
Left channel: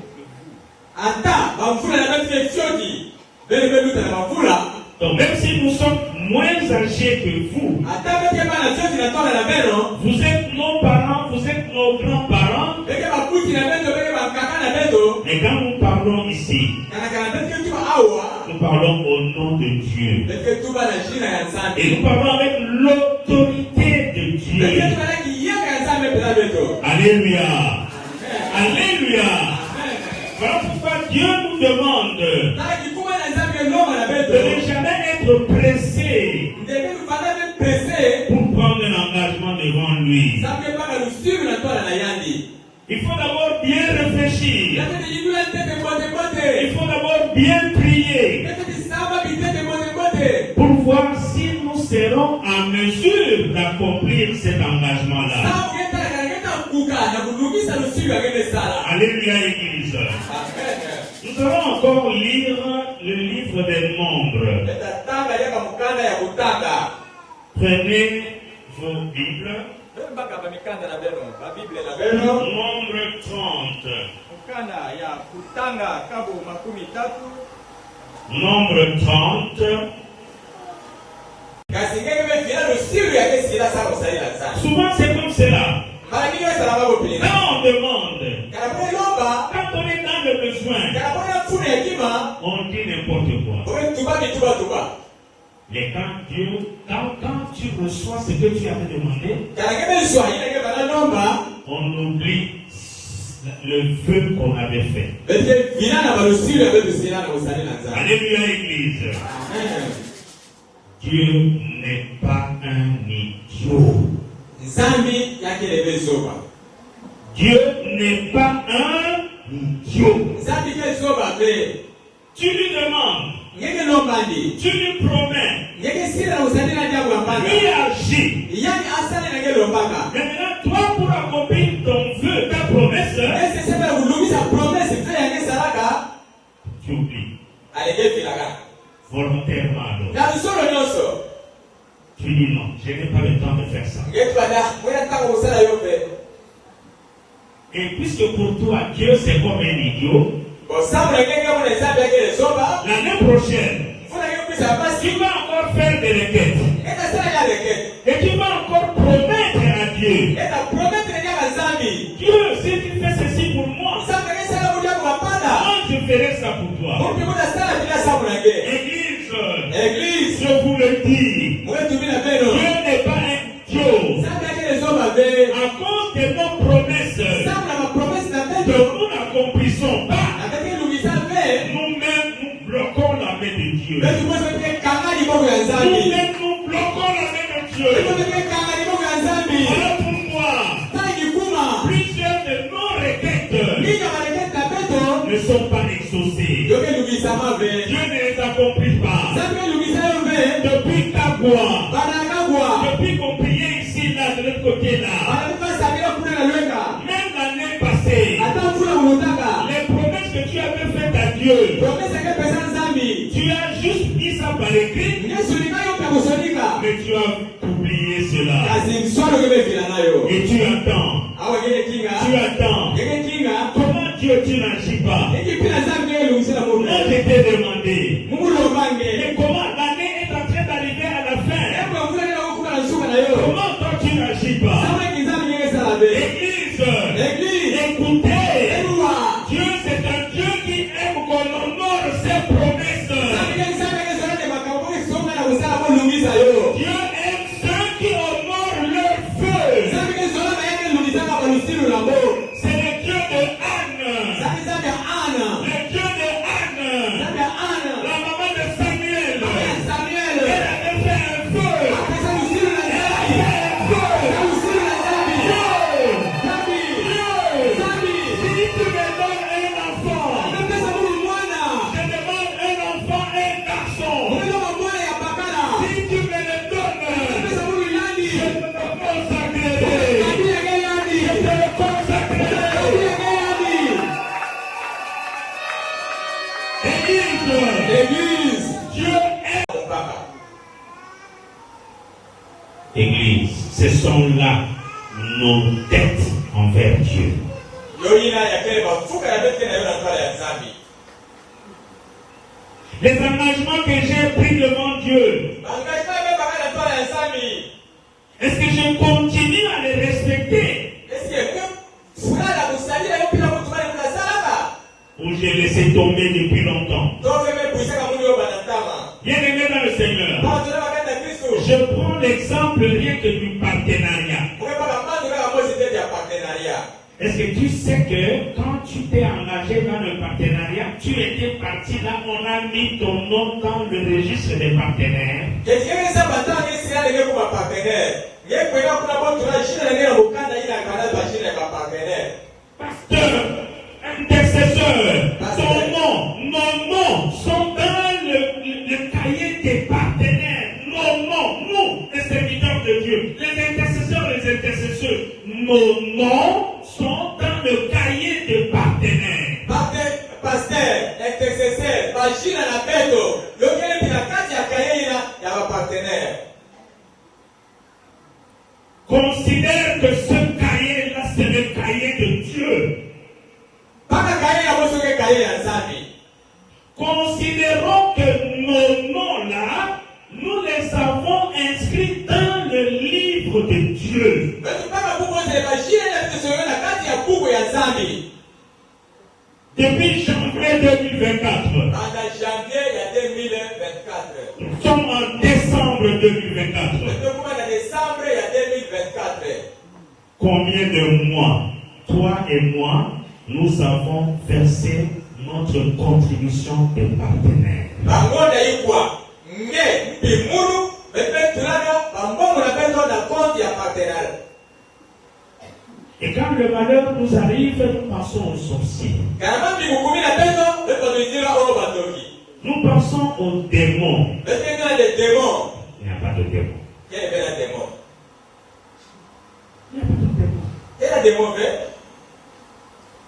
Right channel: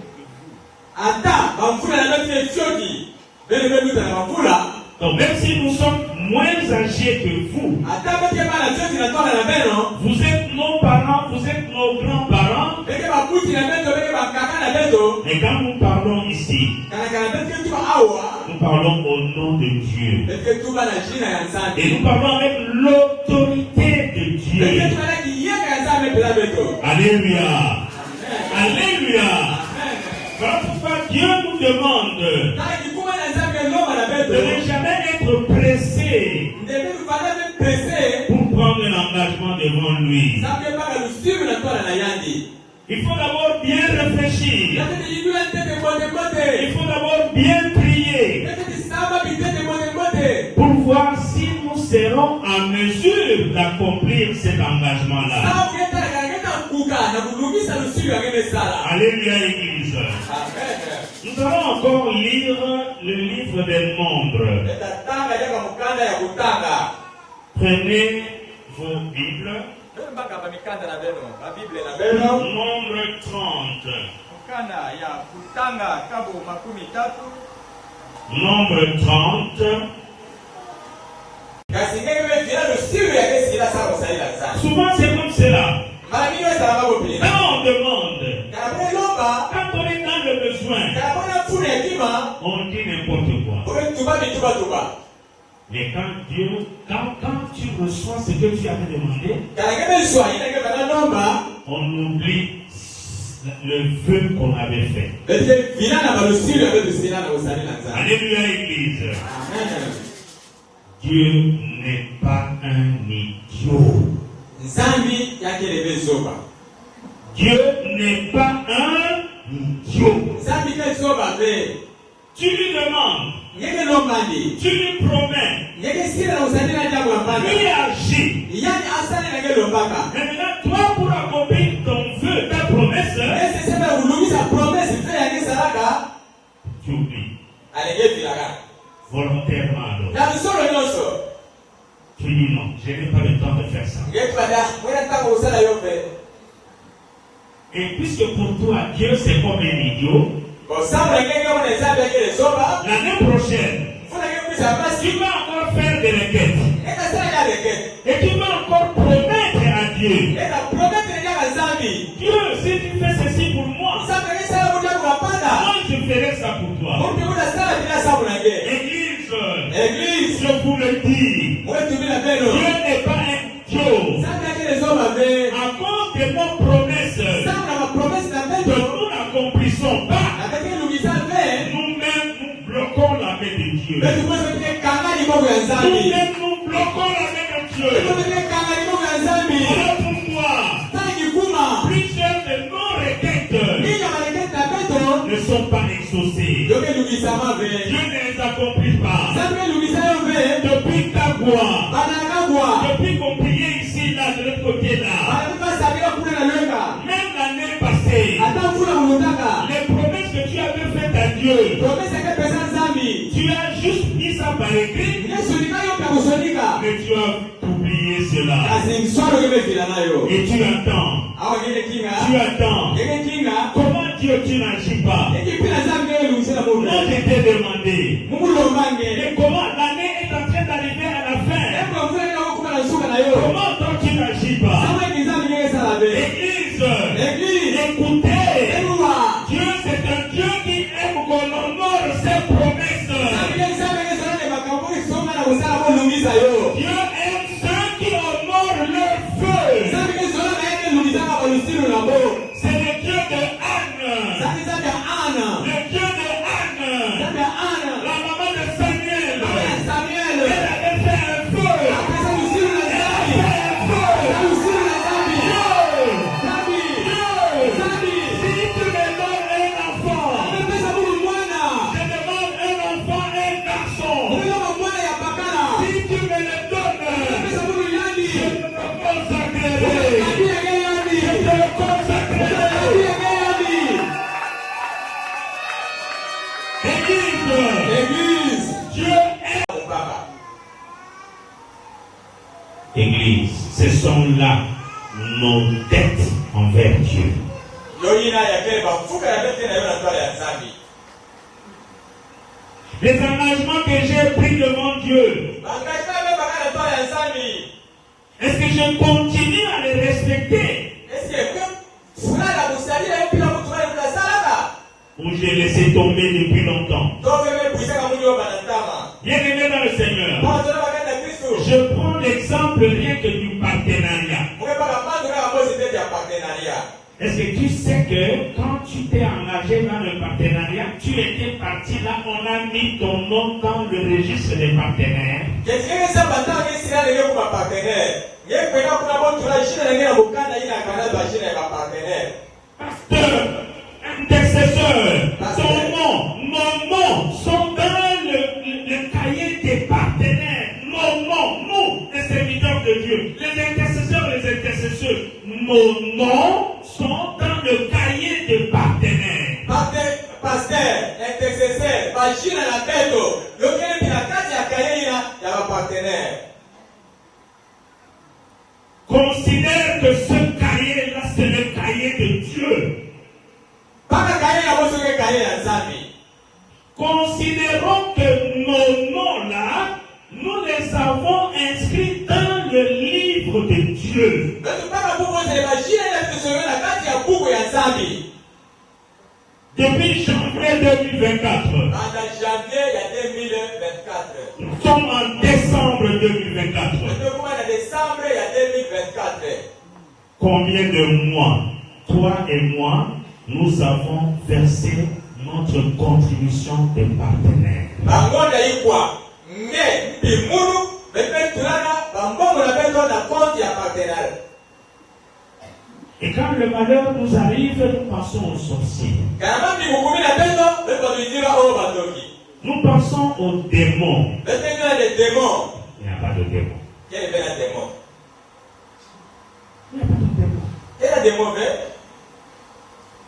donc même si nous sommes moins âgés que vous, vous êtes nos parents, vous êtes nos grands-parents. Et quand nous parlons ici, nous parlons au nom de Dieu. Et nous parlons avec l'autorité de Dieu. Alléluia. Alléluia. Voilà pourquoi Dieu nous demande de ne jamais être pressé pour prendre l'engagement devant lui. Il faut d'abord bien réfléchir. Il faut d'abord bien prier pour voir si nous serons en mesure d'accomplir cet engagement-là. Alléluia, Église. Nous allons encore lire le livre des Nombres. Prenez vos Bibles. Nombre 30. Nombre 30. Souvent c'est comme cela. Quand on demande, quand on est dans le besoin, on dit n'importe quoi. Mais quand tu reçois ce que tu avais demandé, on oublie le vœu qu'on avait fait. Alléluia, Église. Dieu n'est pas un idiot. Dieu n'est pas un idiot. Tu lui demandes, tu lui promets, lui agit. Maintenant, toi, pour accomplir ton vœu, ta promesse, tu oublies. Volontairement. Tu dis non, je n'ai pas le temps de faire ça. Et puisque pour toi, Dieu c'est comme un idiot, l'année prochaine, tu vas encore faire des requêtes. Et tu vas encore promettre à Dieu. Dieu, si tu fais ceci pour moi, moi je ferai ça pour toi. Église, je vous le dis, Dieu n'est pas un idiot. À cause de nos promesses, que nous n'accomplissons pas, nous-mêmes nous bloquons la main de Dieu. Nous-mêmes nous bloquons la main de Dieu. Alors pour moi, plusieurs de nos requêtes ne sont pas exaucées. Dieu ne les accomplit pas. Depuis ta voix, depuis qu'on priait ici, là, de l'autre côté, là, même l'année passée, les promesses que tu as faites à Dieu, tu as juste dit ça par écrit, mais tu as oublié cela. Et tu attends. Comment Dieu tu n'agis pas? Moi je t'ai demandé. Et comment l'année est en train d'arriver à la fin? Comment toi tu n'agis pas? Église, écoutez. Dieu c'est un Dieu qui aime qu'on honore ses promesses. Dieu aime ceux qui honorent leur feu. C'est le Dieu de Anne. Le Dieu de Anne. La maman de Samuel. Elle avait fait un feu. Si tu me donnes un enfant, je demande un enfant, un garçon. Si tu me le donnes, je me consacrerai. Je me consacrerai. Église, Dieu est. Église, ce sont là nos dettes envers Dieu. Les engagements que j'ai pris devant Dieu, est-ce que je continue à les respecter ou j'ai laissé tomber depuis longtemps? Bien-aimé dans le Seigneur, je prends l'exemple rien que du partenariat. partenariat. Est-ce que tu sais que quand tu t'es engagé dans le partenariat, tu étais parti là, on a mis ton nom dans le registre des partenaires? Pasteur, intercesseur, ton nom, nos noms sont dans le cahier des partenaires. Nos noms, nous, les serviteurs de Dieu, les intercesseurs, nos noms sont dans le cahier des partenaires. Pasteur, intercesseur, Bachir à la tête, le gars de la case à cahier, il y a un partenaire. Considère que ce cahier-là, c'est le cahier de Dieu. Considérons que nos noms-là, nous les avons inscrits dans le livre de Dieu. Depuis janvier 2024. Nous sommes en décembre 2024. Combien de mois, toi et moi, nous avons versé notre contribution des partenaires? Et quand le malheur nous arrive, nous pensons aux sorciers. Nous pensons aux démons. Il n'y a pas de démons. Il n'y a pas de démons.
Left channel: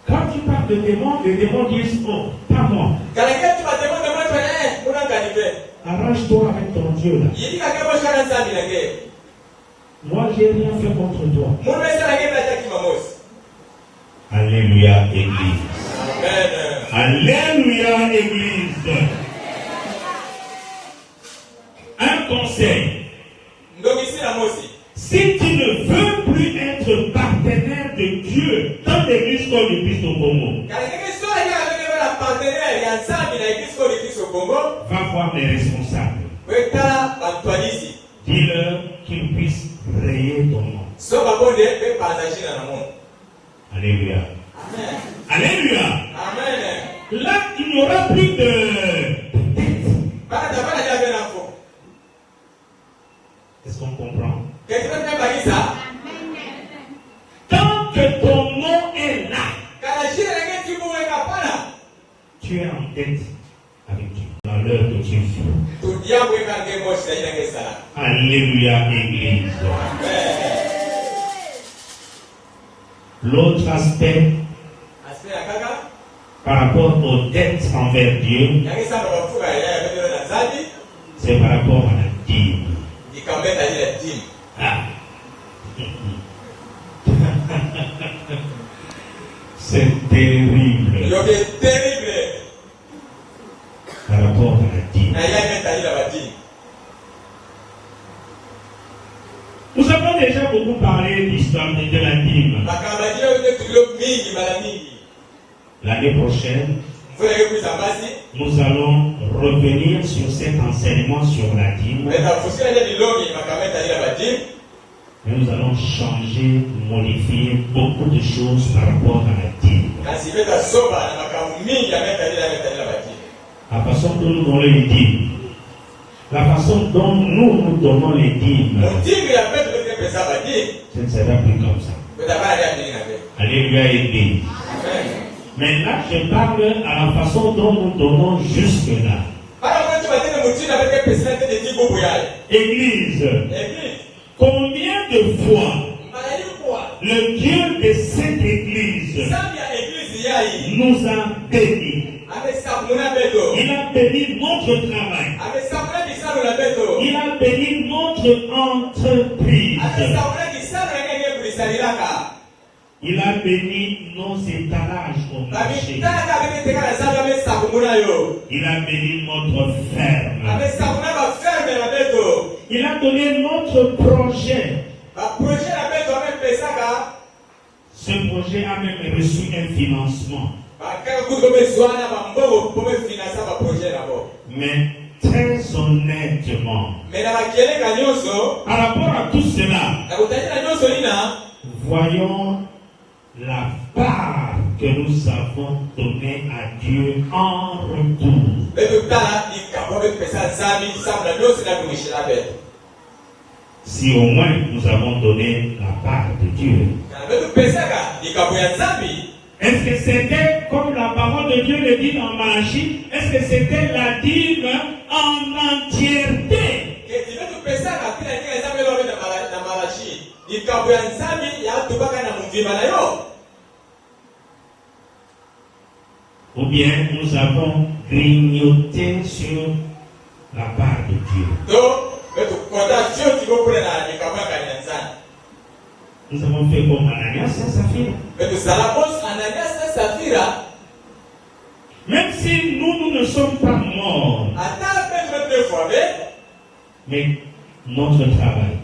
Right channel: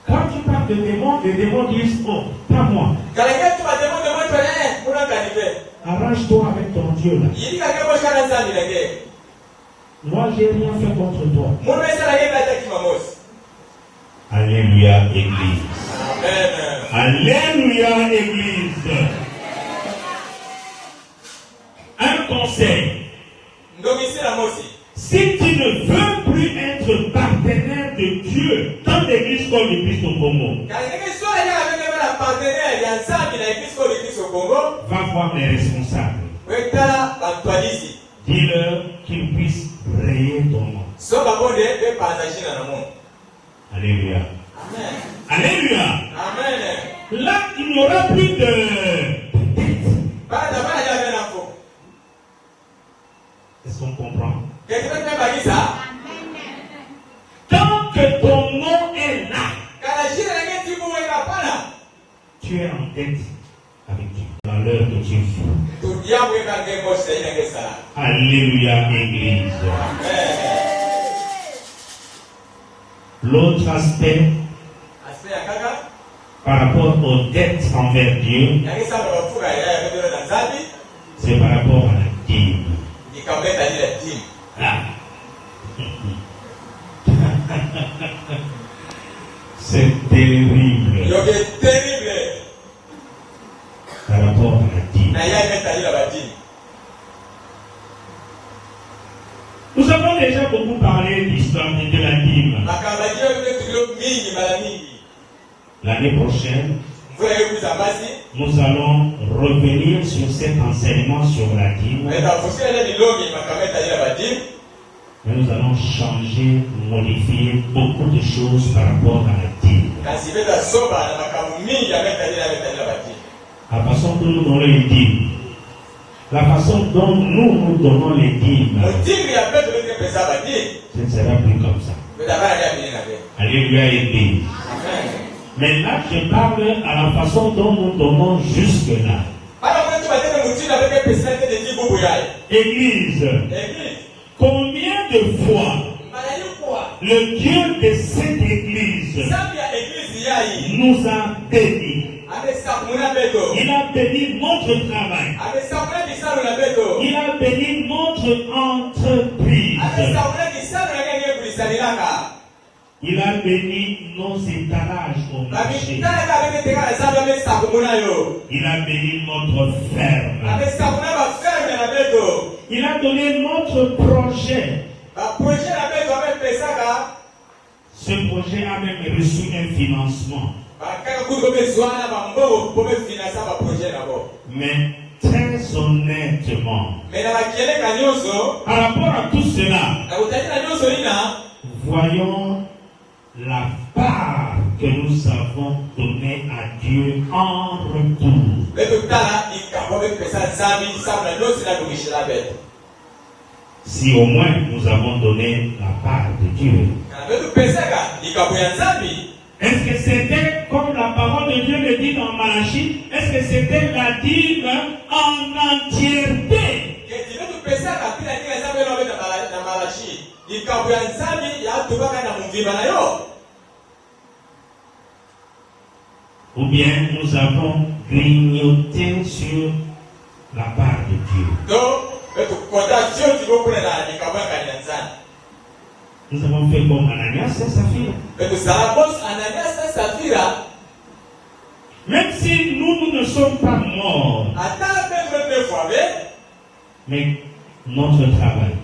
Quand tu parles de démons, les démons disent, oh, pas moi. Arrange-toi avec ton Dieu là. Moi, j'ai rien fait contre toi. Alléluia, Église. Alléluia, Église. Un conseil. Si tu ne veux plus être partenaire de Dieu dans l'église comme l'église au Congo, va voir les responsables. Dis-leur qu'ils puissent rayer ton nom. Alléluia. Alléluia. Là, il n'y aura plus de dette. Est-ce qu'on comprend? Tant que ton nom est là, tu es en dette avec Dieu. Dans l'heure que tu vis. Alléluia, Église. L'autre aspect, par rapport aux dettes envers Dieu, c'est par rapport à la dîme. Ah. C'est terrible. Par rapport à la dîme. Nous avons déjà beaucoup parlé d'histoire de la dîme. L'année prochaine, nous allons revenir sur cet enseignement sur la dîme. Mais nous allons changer, modifier beaucoup de choses par rapport à la dîme. La façon dont nous donnons les dîmes. La façon dont nous donnons les dîmes. Ce ne sera plus comme ça. Alléluia, Église. Mais là, je parle à la façon dont nous donnons jusque-là. Église, combien de fois le Dieu de cette église nous a bénis? Il a béni notre travail. Il a béni notre entreprise. Il a béni nos étalages au marché. Il a béni notre ferme. Il a donné notre projet. Ce projet a même reçu un financement. Mais très honnêtement, par rapport à tout cela, voyons la part que nous avons donnée à Dieu en retour. Si au moins nous avons donné la part de Dieu. Est-ce que c'était, comme la parole de Dieu le dit dans Malachie, est-ce que c'était la dîme en entièreté? Ou bien nous avons grignoté sur la part de Dieu. Nous avons fait comme Ananias et Saphira. Même si nous ne sommes pas morts, mais notre travail,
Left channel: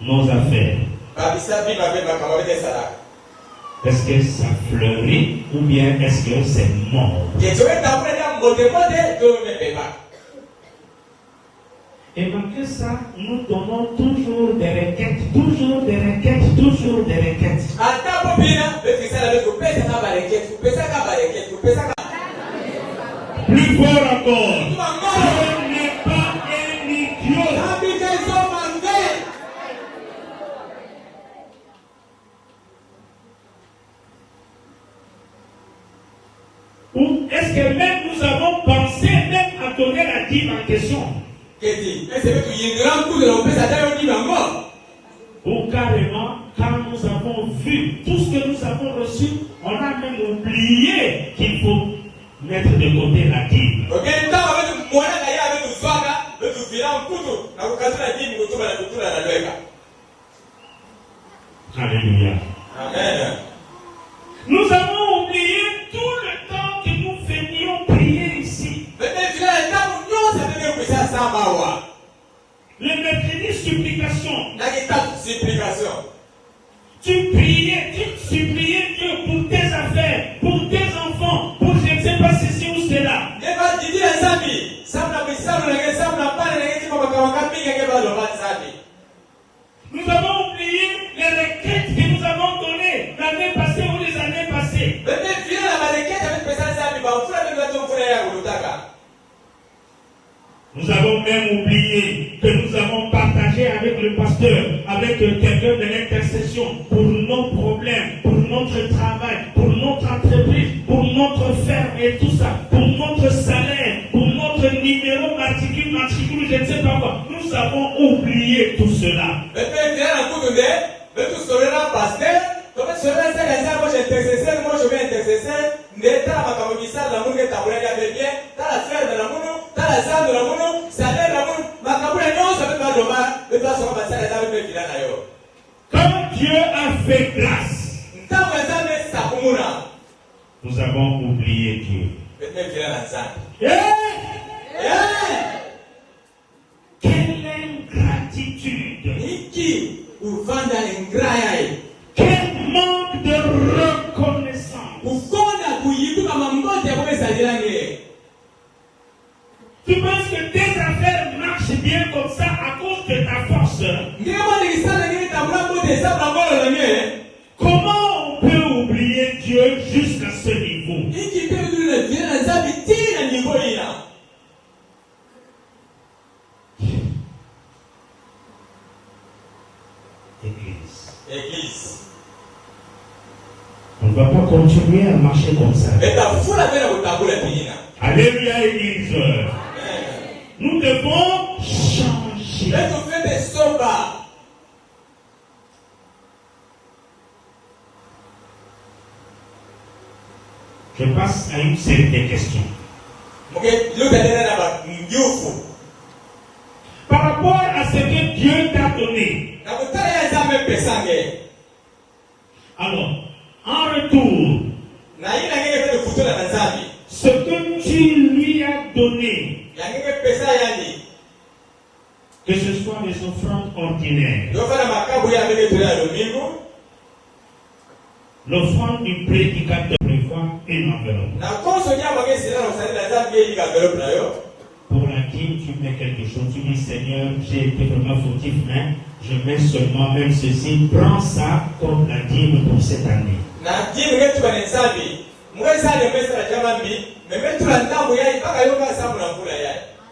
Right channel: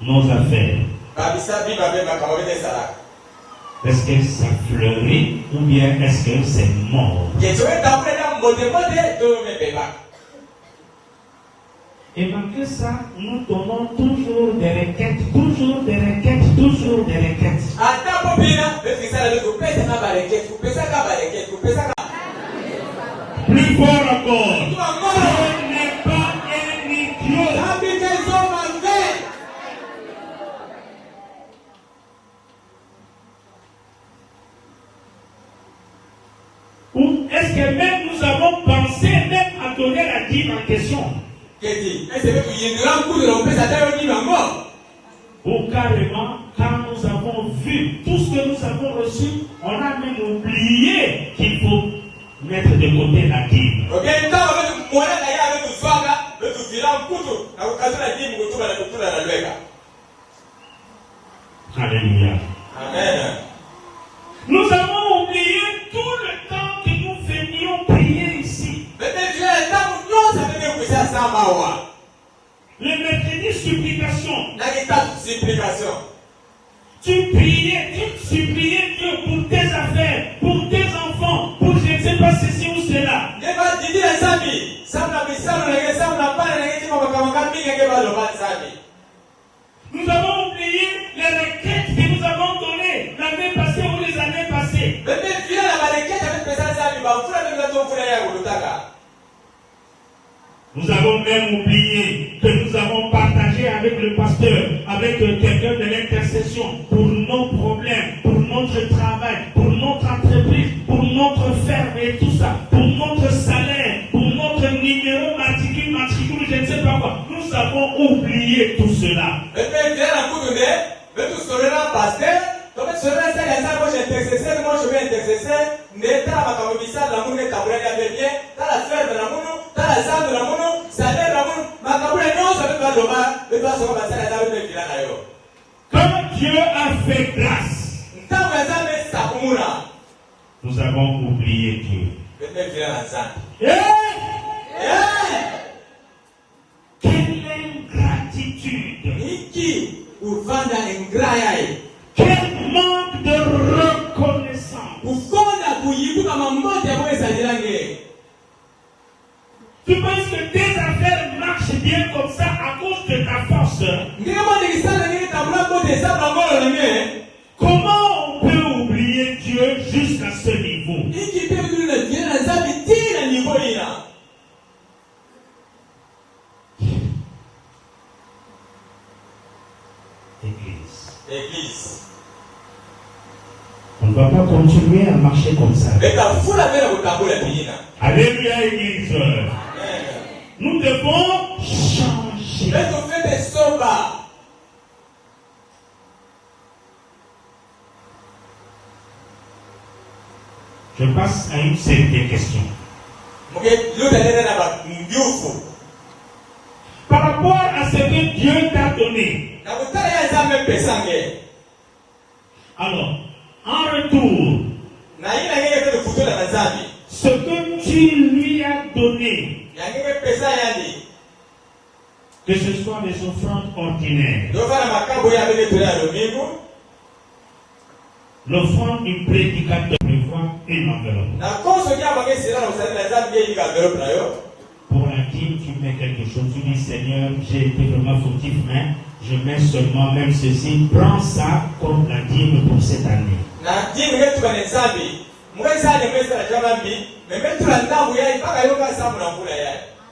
nos affaires, est-ce que c'est fleuri ou bien est-ce que c'est mort? Et malgré ça, nous donnons toujours des requêtes, toujours des requêtes, toujours des requêtes. Plus fort encore, ce n'est pas un idiot. Ou est-ce que même nous avons pensé même à donner la dîme en question? Ou carrément, quand nous avons vu tout ce que nous avons reçu, on a même oublié qu'il faut mettre de côté la dîme. Alléluia. Amen. Nous avons oublié tout le temps que nous venions prier ici. Le mercredi supplication. Tu priais, tu suppliais Dieu pour tes affaires, pour tes enfants, pour je ne sais pas ceci ou cela. Nous avons oublié les requêtes que nous avons données l'année passée ou les années passées. Nous avons même oublié que nous avons partagé avec le pasteur, avec quelqu'un de l'intercession, pour nos problèmes, pour notre travail, pour notre entreprise, pour notre ferme et tout ça, pour notre salaire, pour notre numéro matricule, je ne sais pas quoi. Nous avons oublié tout cela. Comme Dieu a fait grâce, nous avons oublié Dieu. Quelle ingratitude! Quel manque de reconnaissance! Tu penses que tes affaires marchent bien comme ça à cause de ta force? Comment on peut oublier Dieu jusqu'à ce niveau? Église. On ne va pas continuer à marcher comme ça. Alléluia, Église. Nous devons changer. Je passe à une série de questions. Par rapport à ce que Dieu t'a donné. Alors, en retour, ce que tu lui as donné, que ce soit des offrandes ordinaires, l'offrande du prédicateur prévoit une enveloppe. Pour laquelle tu mets quelque chose, tu dis Seigneur, j'ai été vraiment fautif, mais Je mets seulement même ceci, prends ça comme la dîme pour cette année.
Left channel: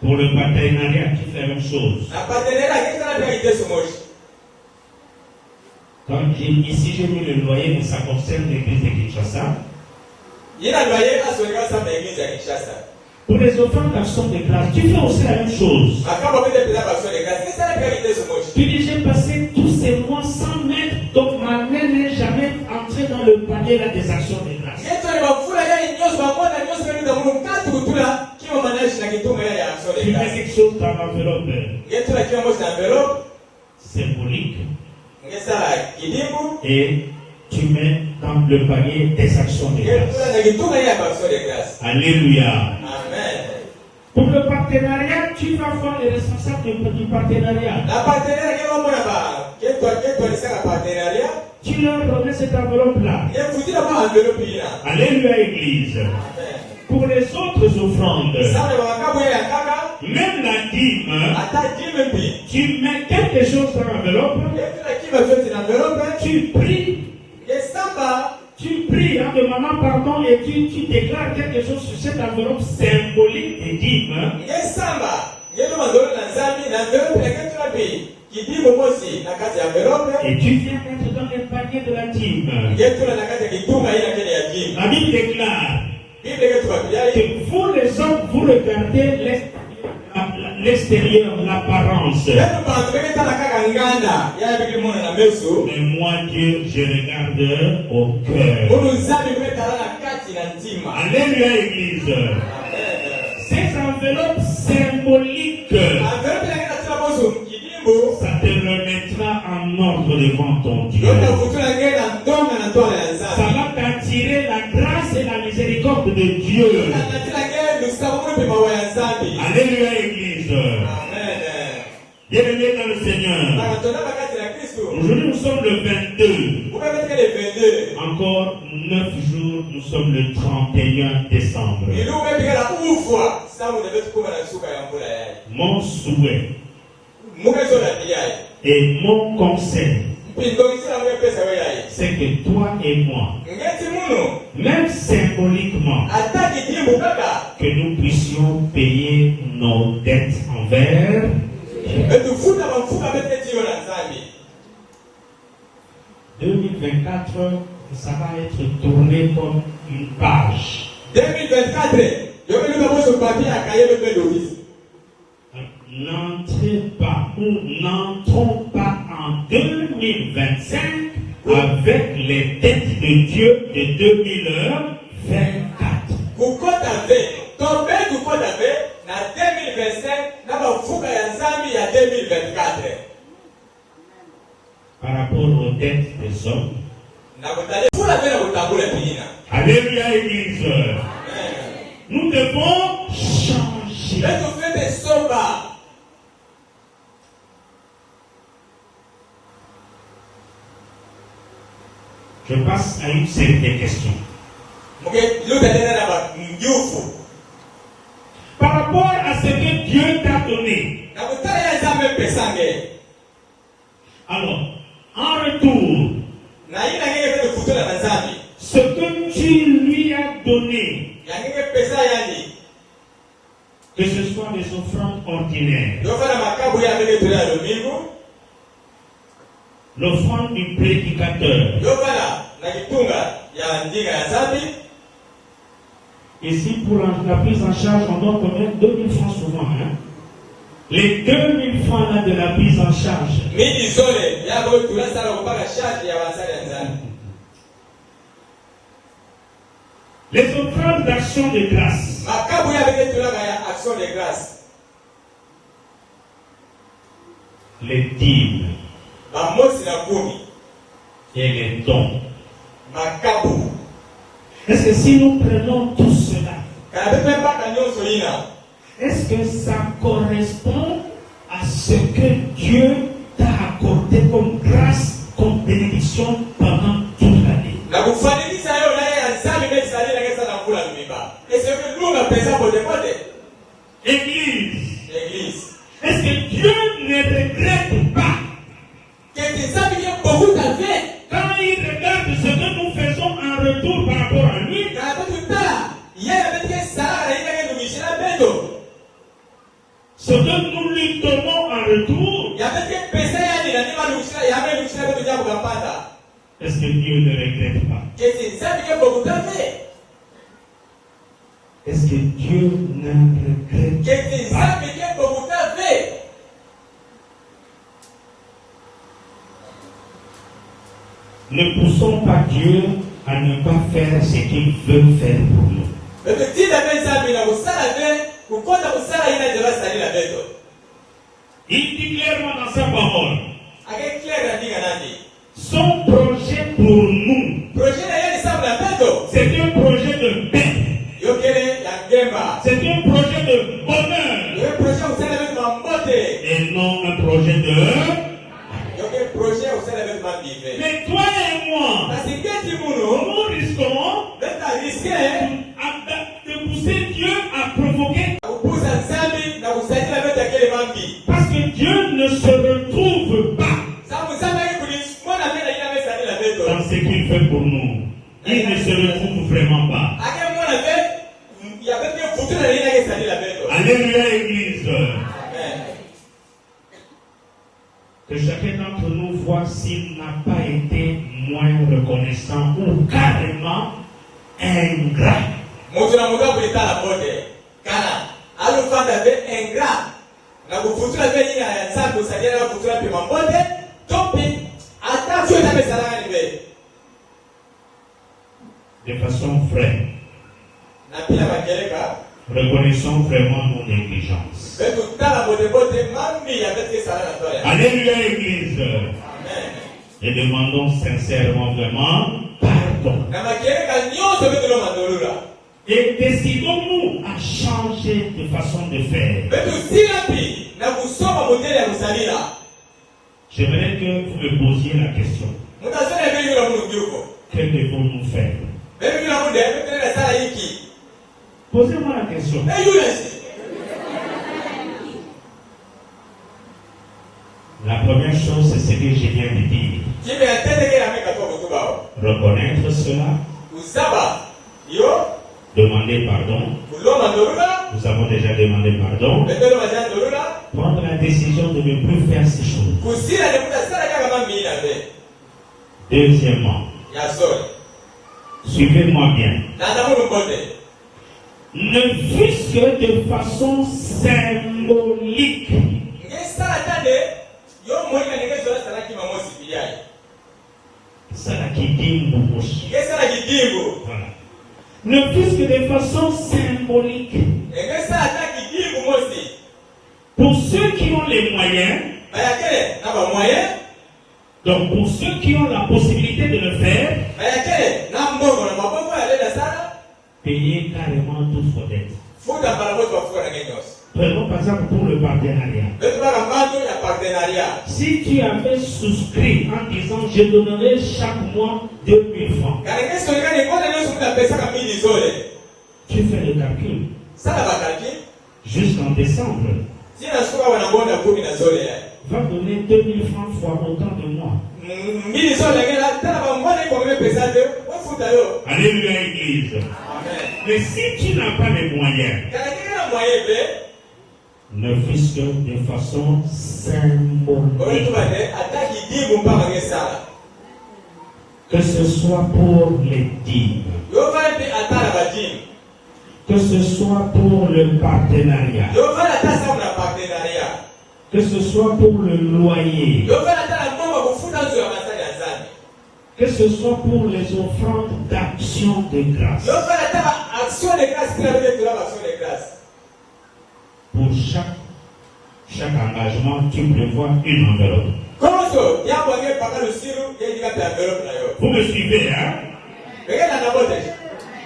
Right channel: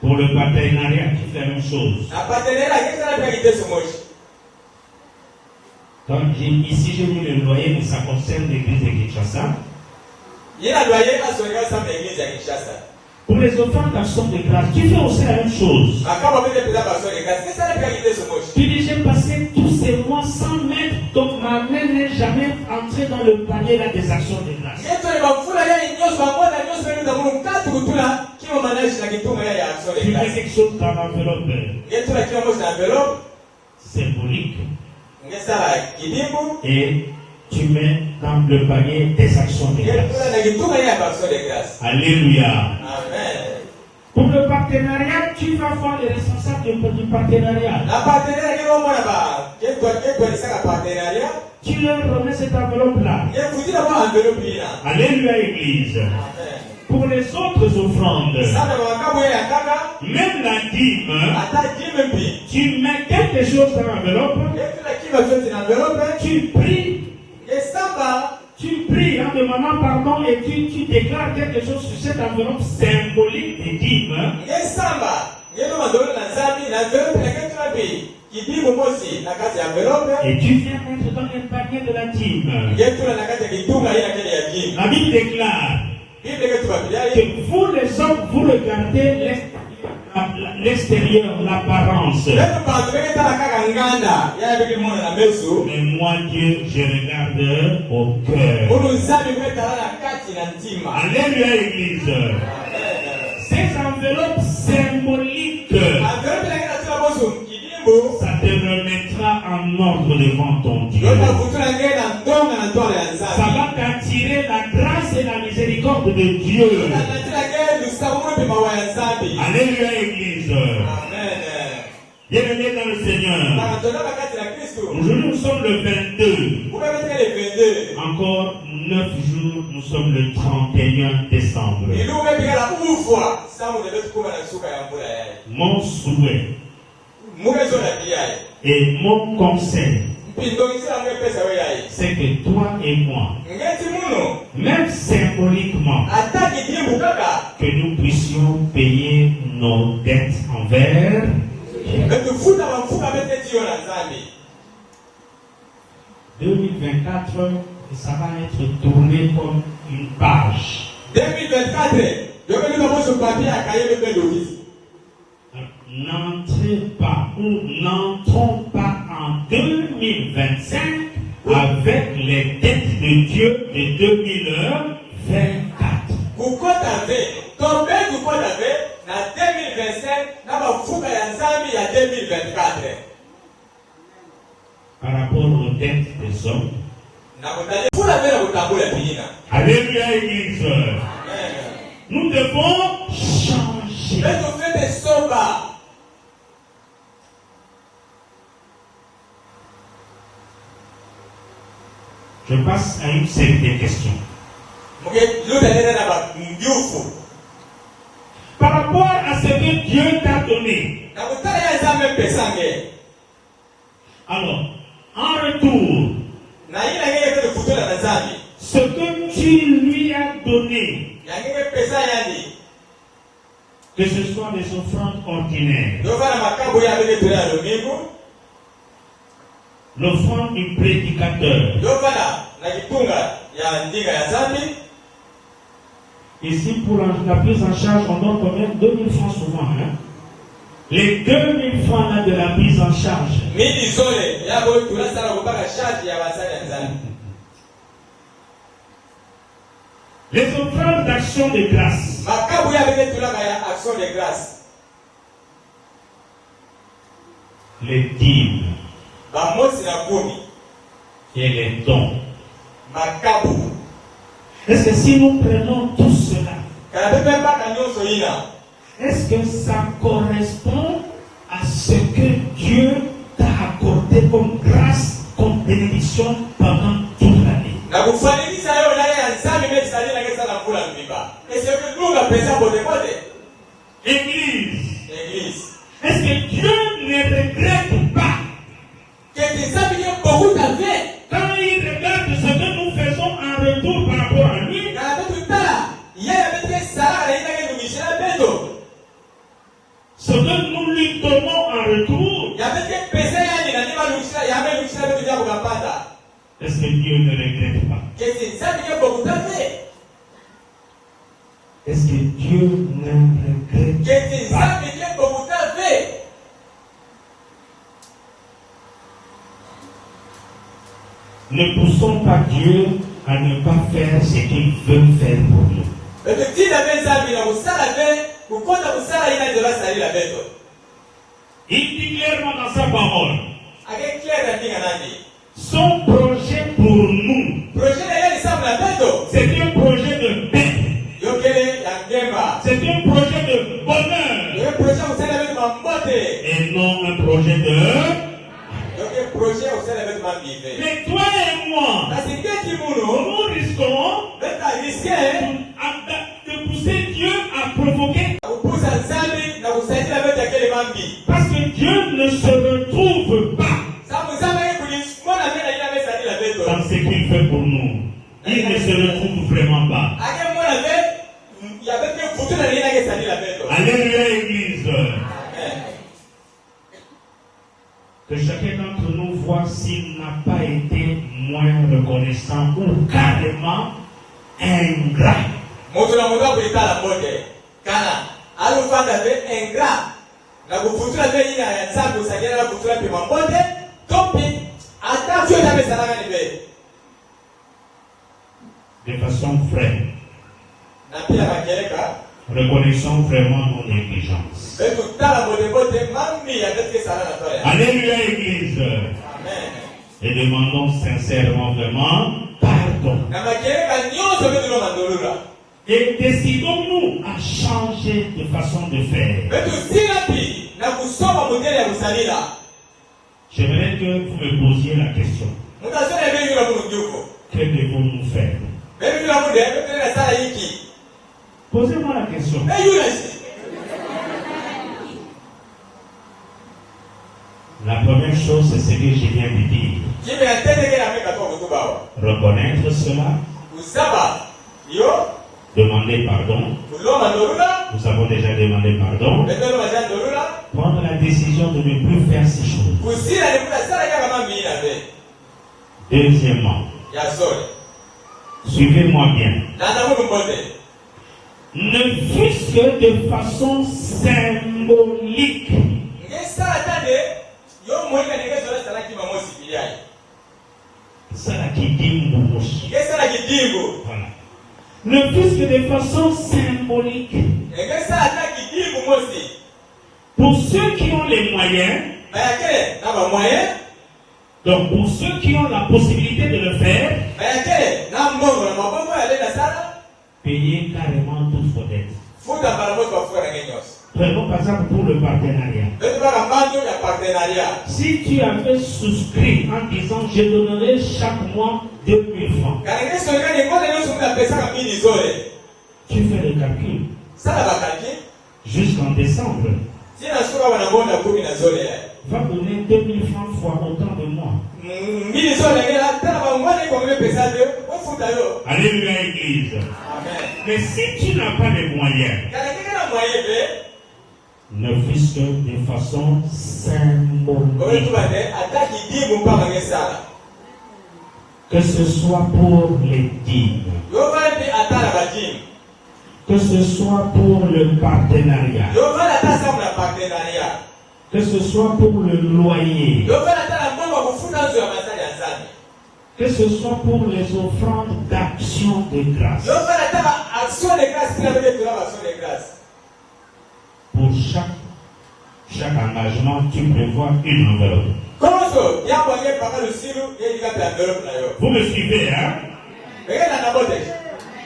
Pour le partenariat qui fait la même chose. Comme ici j'ai mis le loyer, mais ça concerne l'église de Kinshasa. Pour les offrandes d'action de grâce, tu fais aussi la même chose. Tu dis, j'ai passé tous ces mois sans mettre, donc ma main n'est jamais entrée dans le panier là, des actions de grâce. Tu mets quelque chose dans l'enveloppe symbolique et tu mets dans le panier des actions de grâce. Alléluia. Amen. Pour le partenariat, tu vas voir les responsables du partenariat. Tu leur remets cette enveloppe-là. Alléluia, Église. Pour les autres offrandes, même la dîme, tu mets quelque chose dans l'enveloppe, tu pries. Tu pries en demandant pardon et tu déclares quelque chose sur cette enveloppe symbolique des dîmes. Et tu viens mettre dans le panier de la dîme. La Bible déclare que vous les hommes, vous regardez l'extérieur, l'apparence. Mais moi, Dieu, je regarde au cœur. Alléluia, Église. Ces enveloppes symboliques, ça te remettra en ordre devant ton Dieu. Ça va t'attirer la grâce et la miséricorde de Dieu. Alléluia, Église. Bienvenue dans le Seigneur. Aujourd'hui, nous sommes le 22. Encore 9 jours, nous sommes le 31 décembre. Mon souhait et mon conseil, c'est que toi et moi, même symboliquement, que nous puissions payer nos dettes envers Dieu. 2024, ça va être tourné comme une page. 2024, n'entrons pas en 2025 avec les dettes de Dieu de 2024. Par rapport aux dettes des hommes. Alléluia, Église. Nous devons changer. Je passe à une série de questions. Par rapport à ce que Dieu t'a donné. Alors, en retour, ce que tu lui as donné, que ce soit des offrandes ordinaires, l'offrande du prédicateur, ici pour la prise en charge, on donne quand même 2000 francs souvent. Hein? Les 2000 francs là de la prise en charge. Les offrandes d'action de grâce. Les dîmes. Et les dons. Est-ce que si nous prenons tout cela, est-ce que ça correspond à ce que Dieu t'a accordé comme grâce, comme bénédiction pendant toute l'année? Église. Est-ce que Dieu ne regrette pas Est-ce que Dieu ne regrette pas? Est-ce Est-ce que Dieu ne regrette pas? Ne poussons pas Dieu à ne pas faire ce qu'il veut faire pour nous. Il dit clairement dans sa parole, son projet pour nous, c'est un projet de paix, c'est un projet de bonheur, et non un projet de... Mais toi et moi, nous risquons de pousser Dieu à provoquer. Parce que Dieu ne se retrouve pas dans ce qu'il fait pour nous. Il ne se retrouve vraiment pas. Alléluia, Église. Que chacun d'entre nous voit s'il n'a pas été moins reconnaissant ou carrément ingrat. De façon vraie. Reconnaissons vraiment nos négligences. Alléluia, Église. Et demandons sincèrement vraiment pardon. Et décidons-nous à changer de façon de faire. J'aimerais que vous me posiez la question. Que devons-nous faire? Posez-moi la question. La première chose, c'est ce que je viens de dire. Reconnaître cela. Demander pardon. Nous avons déjà demandé pardon. Prendre la décision de ne plus faire ces choses. Deuxièmement, suivez-moi bien. Ne fût-ce que de façon symbolique. Voilà. Ne fût-ce que de façon symbolique. Pour ceux qui ont les moyens, donc pour ceux qui ont la possibilité de le faire, payer carrément toute vos dettes. Prenons par exemple pour le partenariat. Si tu avais souscrit en disant je donnerai chaque mois 2000 francs, tu fais le calcul. Jusqu'en décembre, va donner 2000 francs fois autant de mois. Alléluia, Église. Mais si tu n'as pas les moyens, ne fût-ce que de façon symbolique, que ce soit pour les dîmes, que ce soit pour le partenariat, que ce soit pour le loyer, que ce soit pour les offrandes d'action de grâce. Pour chaque engagement, tu prévois une enveloppe. Vous me suivez, hein?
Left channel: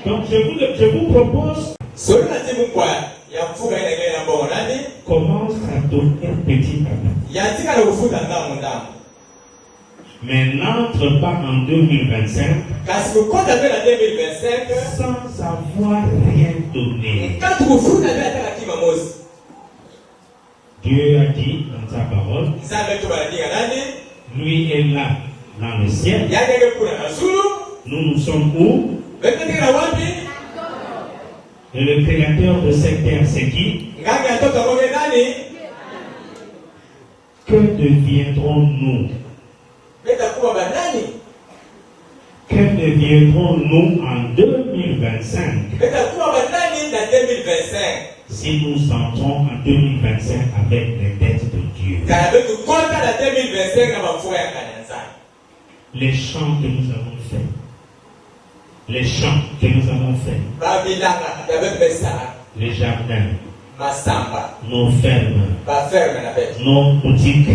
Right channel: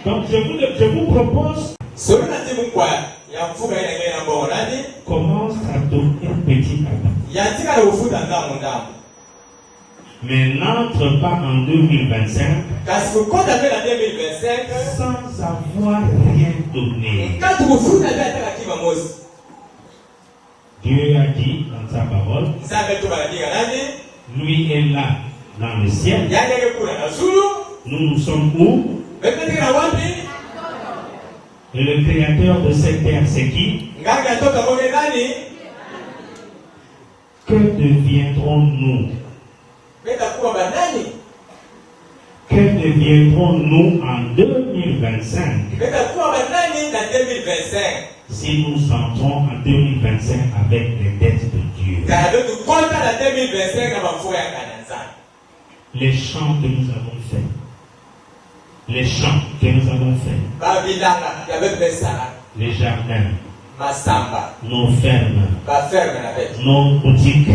Donc je vous propose, commence à donner petit à petit. Mais n'entre pas en 2025 sans avoir rien donné. Dieu a dit dans sa parole, lui est là dans le ciel. Nous sommes où? Et le créateur de cette terre, c'est qui? Que deviendrons-nous? deviendrons-nous en 2025 si nous entrons en 2025 avec les dettes de Dieu? Les chants que nous avons faits, les jardins, nos fermes, nos boutiques,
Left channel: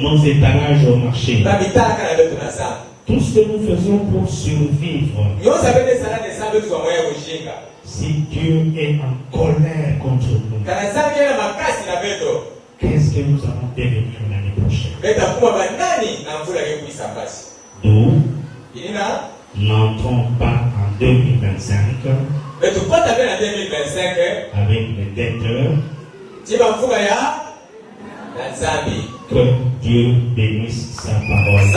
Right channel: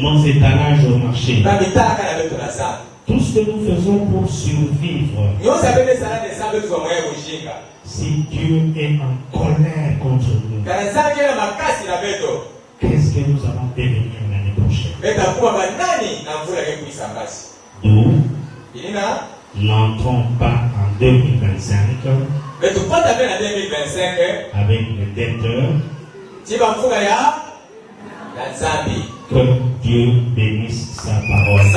nos étalages au marché, tout ce que nous faisons pour survivre. Si Dieu est en colère contre nous, qu'est-ce que nous allons devenir l'année prochaine? Nous n'entrons pas en 2025 avec les detteurs. Que Dieu bénisse sa parole.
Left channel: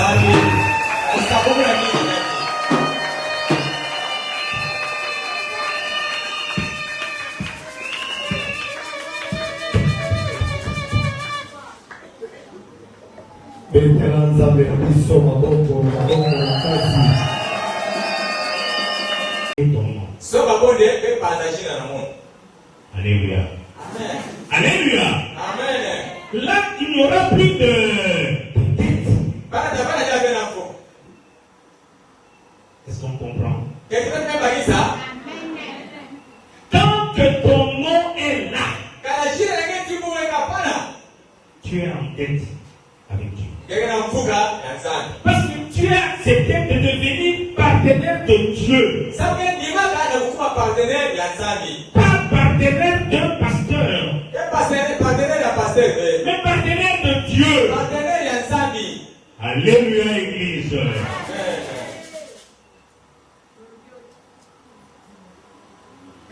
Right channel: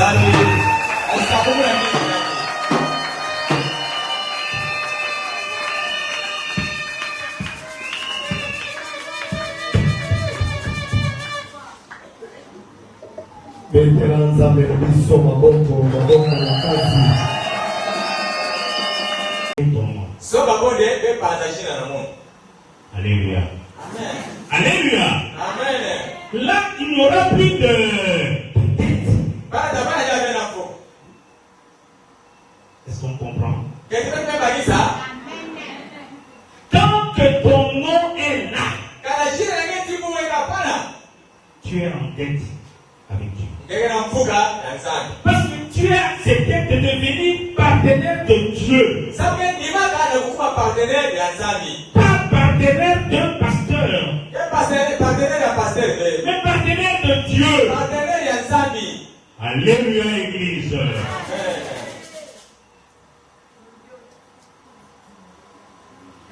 Alléluia. Alléluia. Là, il n'y aura plus de dette. Est-ce qu'on comprend? Tant que ton nom est là, tu es en dette avec Dieu. Parce que tu as accepté de devenir partenaire de Dieu. Pas partenaire d'un pasteur, mais partenaire de Dieu. Alléluia, Église.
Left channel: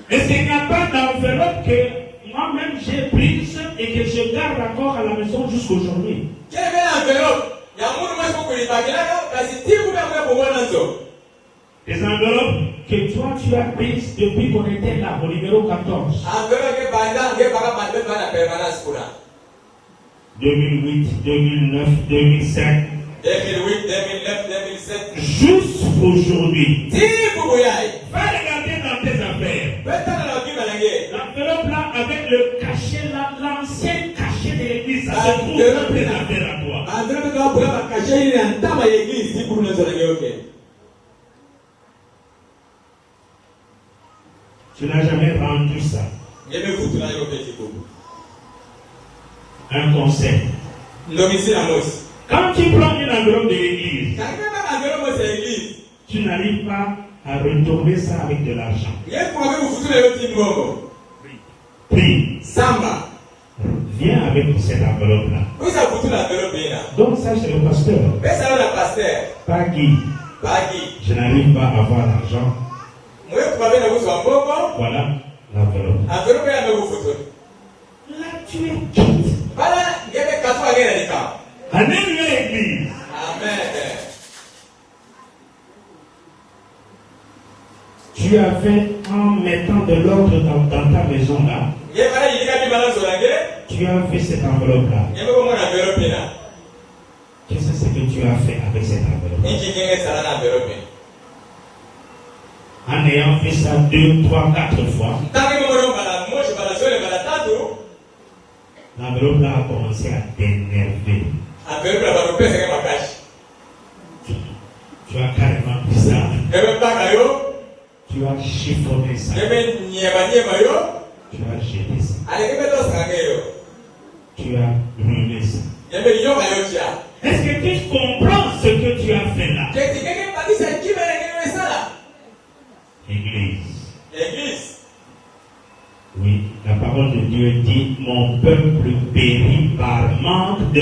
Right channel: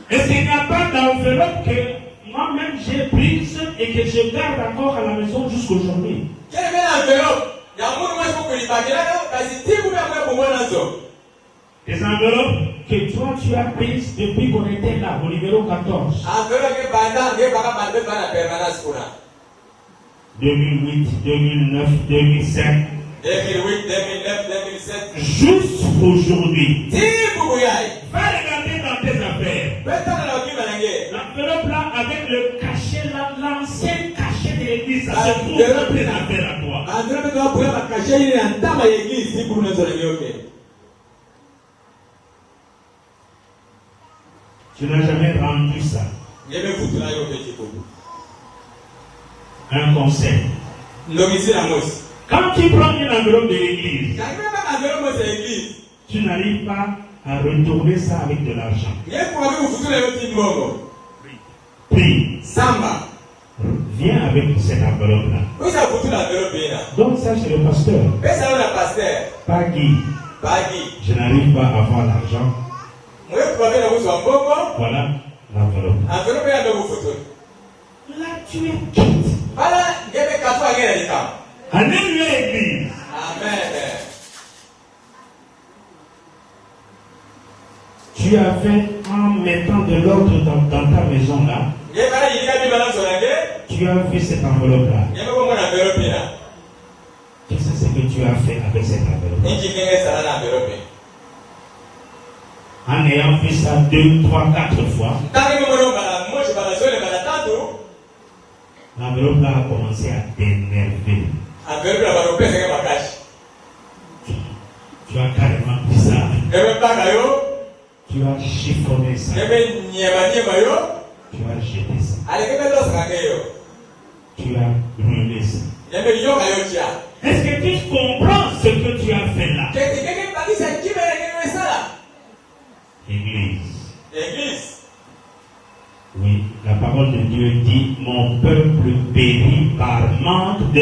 Est-ce qu'il n'y a pas d'enveloppe que moi-même j'ai prise et que je garde encore à la maison jusqu'aujourd'hui? Des enveloppes que toi tu as prises depuis qu'on était là, au numéro 14. 2008, 2009, 2005. 2007. Jusqu'aujourd'hui. Va regarder dans tes affaires. L'enveloppe là avec le cachet là, l'ancien cachet de l'église, ça se trouve dans tes affaires à toi. Tu n'as jamais rendu ça. Un conseil. Quand tu prends une enveloppe de l'église, tu n'arrives pas à retourner ça avec de l'argent. Prie. Viens avec cette enveloppe-là. Donc ça c'est le pasteur. Pas Guy. Je n'arrive pas à avoir l'argent. Voilà l'enveloppe. Là tu es quitte. Alléluia, Église. Tu as fait en mettant de l'ordre dans ta maison là. Tu as fait cette enveloppe là. Qu'est-ce que tu as fait avec cette enveloppe? En ayant fait ça 2, 3, 4 fois, l'enveloppe là a commencé à t'énerver. Tu as carrément pris ça. Tu as chiffonné ça. Tu as jeté ça. Tu as brûlé ça. Est-ce que tu comprends ce que tu as fait là? Église. Oui, la parole de Dieu dit: mon peuple périt par manque de.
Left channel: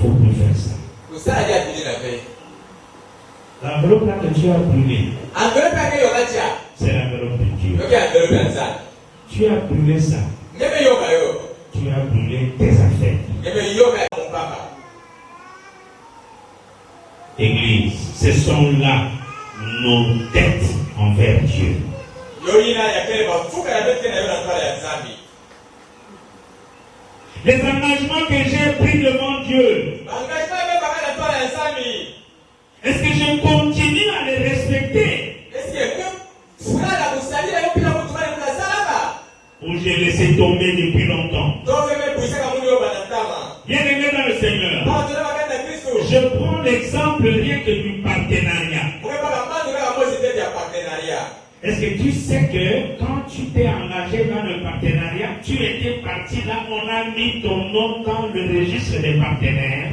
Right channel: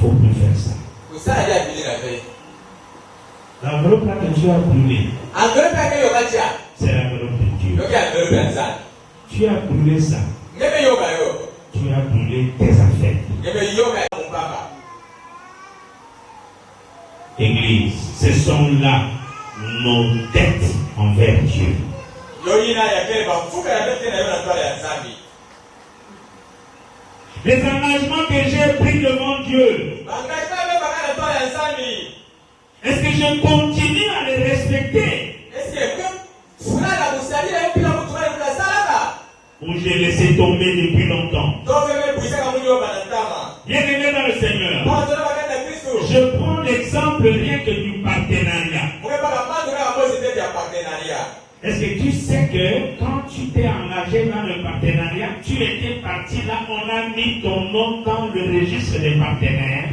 Faut plus faire ça. L'enveloppe là que tu as brûlé, c'est l'enveloppe de Dieu. Tu as brûlé ça. Tu as brûlé tes affaires. Église, ce sont là nos dettes envers Dieu. Les engagements que j'ai pris devant Dieu. Est-ce que je continue à les respecter? Ou j'ai laissé tomber depuis longtemps? Bien-aimé dans le Seigneur, je prends l'exemple rien que du partenariat. Est-ce que tu sais que quand tu t'es engagé dans le partenariat, tu étais parti là, on a mis ton nom dans le registre des partenaires?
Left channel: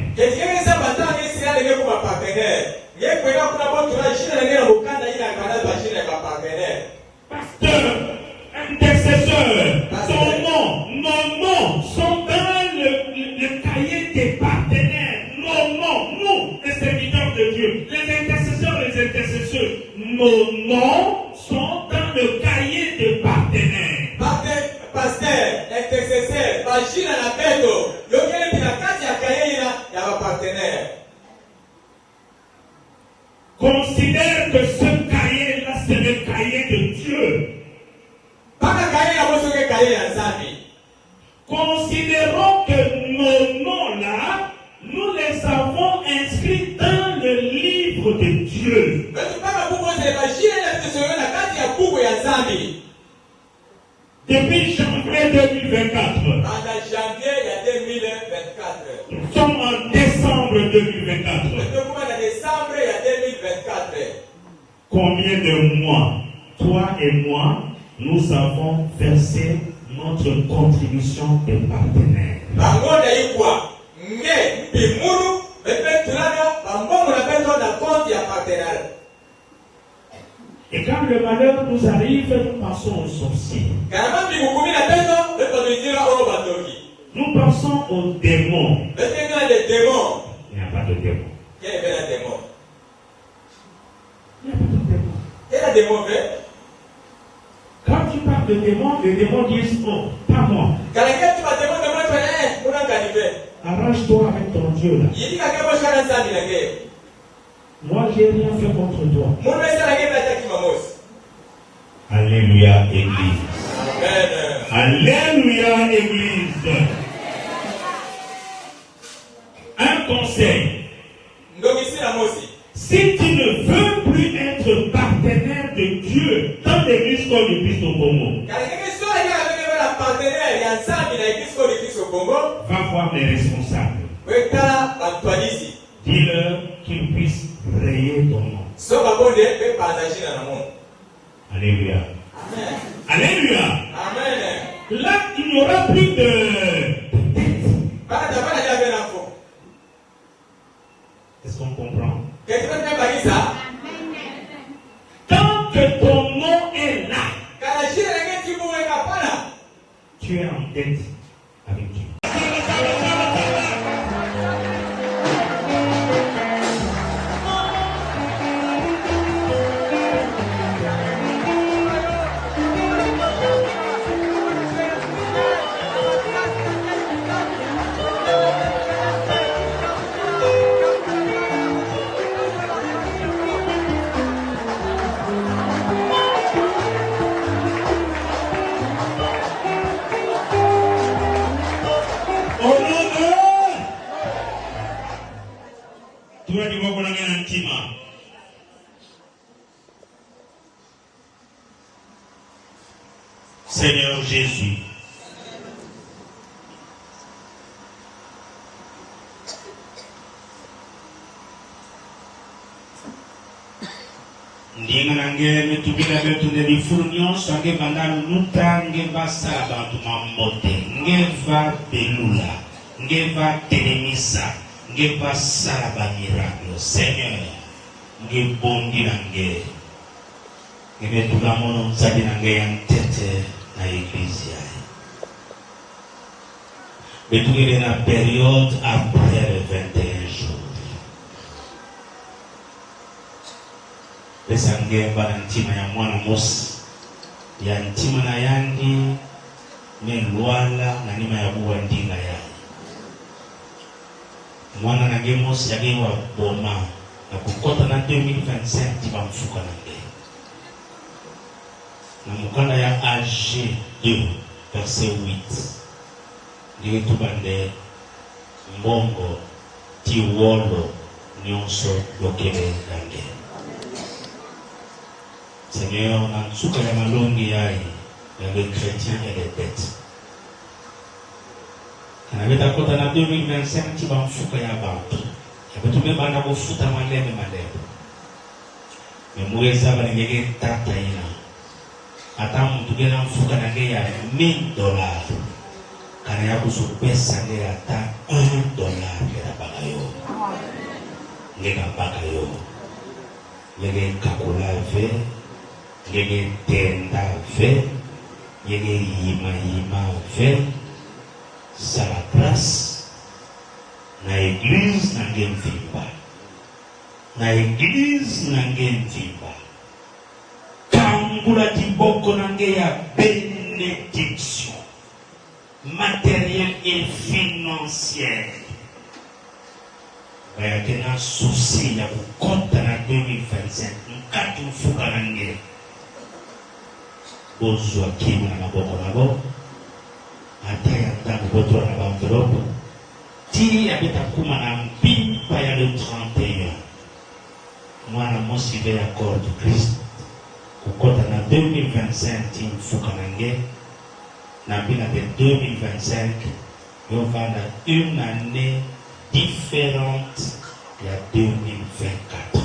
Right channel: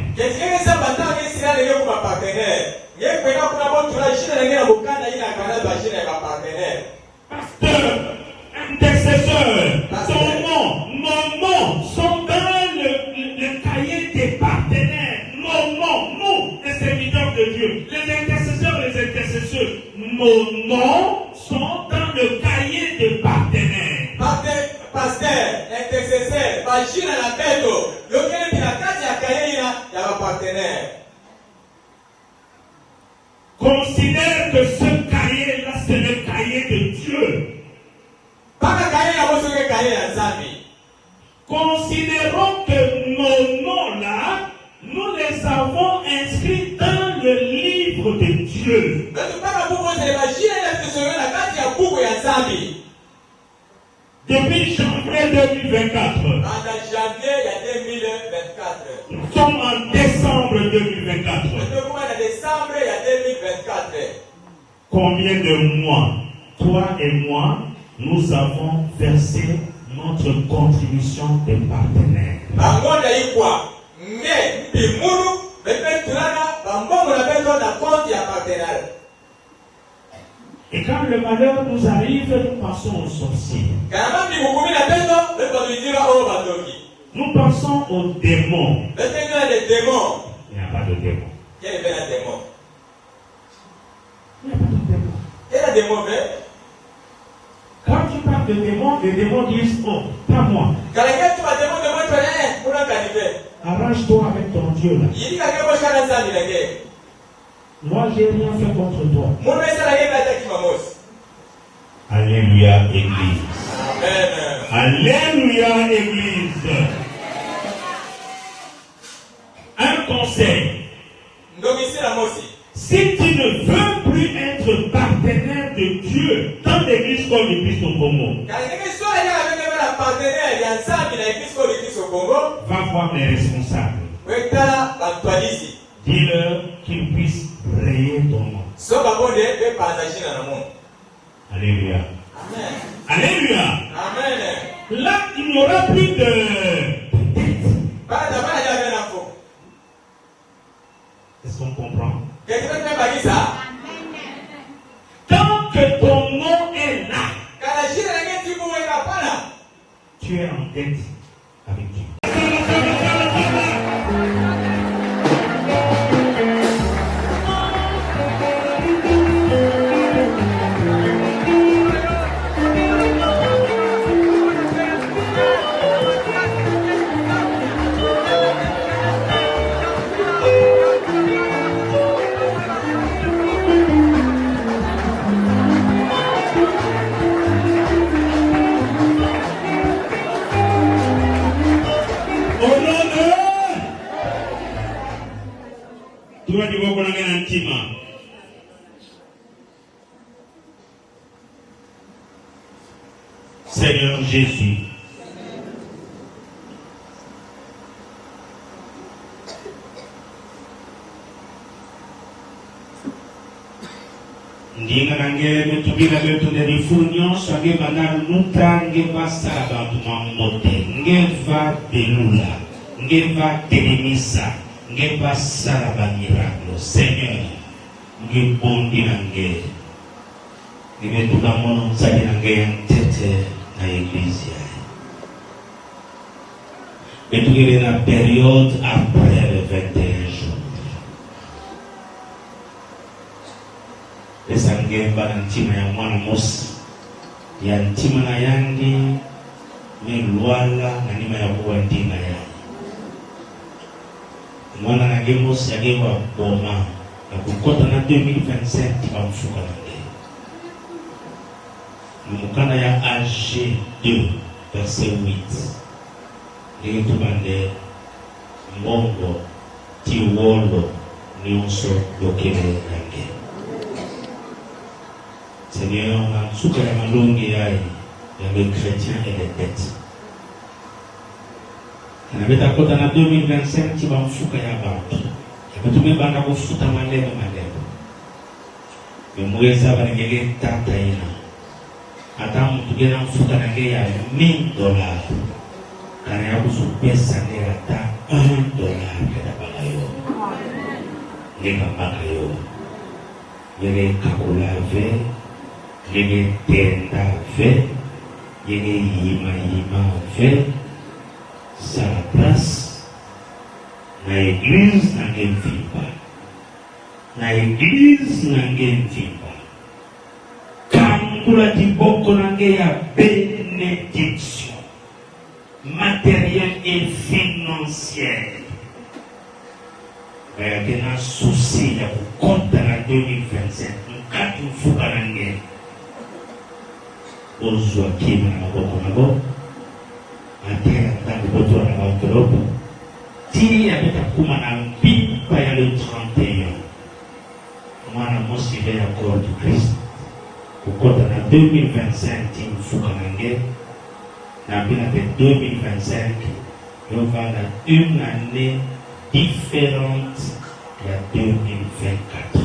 Pasteur, intercesseur, ton nom, nos noms sont dans le cahier des partenaires. Nos noms, nous, les serviteurs de Dieu, les intercesseurs, nos noms sont dans le cahier des partenaires. Pasteur, intercesseur, machine à la tête, le cahier de la case, il y a un partenaire. Considère que ce cahier-là, c'est le cahier de Dieu. Considérons que nos noms-là, nous les avons inscrits dans le livre de Dieu. Depuis janvier 2024. Nous sommes en décembre 2024. Combien de mois, toi et moi, nous avons versé notre contribution des partenaires? Et quand le malheur nous arrive, nous pensons aux sorciers. Nous pensons aux démons. Il n'y a pas de démons. Il n'y a pas de démons. Quand tu parles de démons, les démons disent non, pas moi. Arrange-toi avec ton Dieu là. Moi, j'ai rien fait contre toi. Alléluia, Église. Alléluia, Église. Un conseil. Si tu ne veux plus être partenaire de Dieu dans l'église comme l'église au Congo, va voir les responsables. Dis-leur qu'ils puissent rayer ton nom. Alléluia. Alléluia. Là, il n'y aura plus de dette. Est-ce qu'on comprend? Tant que ton nom est là, tu es en dette avec Dieu. Seigneur Jésus, ndina nange nutubira byoto nelifurnyo swange bandar nutange basaba tumambote ngeva belula ngeva telemisa ngeva saba miraclo. Seigneur, ngibondi nange ngibetula mono mzali nange yang tete na église yae. Betulele la période après le 21 jours. Besangemba ntima ya mwana Musa ya ntima na yangi ni Luala na nima ya kuwandinga yae. Mwana na Musa aliwa boma ya kukota na 2025 tima mfuka na Mukana ya AG 2, verset 8. ndenge tubande mbongo tiwolo nyonso lokele nange. Seigneur, na nsuka ya malongi yaye les chrétiens et les dettes. Nabeta kota na 2025 ti bamfuka ya bantu. Yabetume bana bofuta malemo. Memweza banengege tata ina. Ata mtu gena mfuta nange ya $1000. Kana ya kusu pesa nge ata $1 keta bagayo. Lega bagayo. Lege kakula ve. Lege tenda ve. Lege yima ve. Sa la place. Na église na gen vimba. Na église na gen vimba. Kambula tiboko nange ya bénédiction matérielle et financière. Mais il y a un souci de compte à 2025. Mkati mfuka nange. Ozwa kina na maboko nabo. Ataya tangu boto na enveloppe. Ti abita kuma ambipa ya le 31. Mwana mosive ya corps du Christ. Kukota na 2025 ti mfuka nange. Na mbina de 2025. Nous avons une année différente il y a 2024.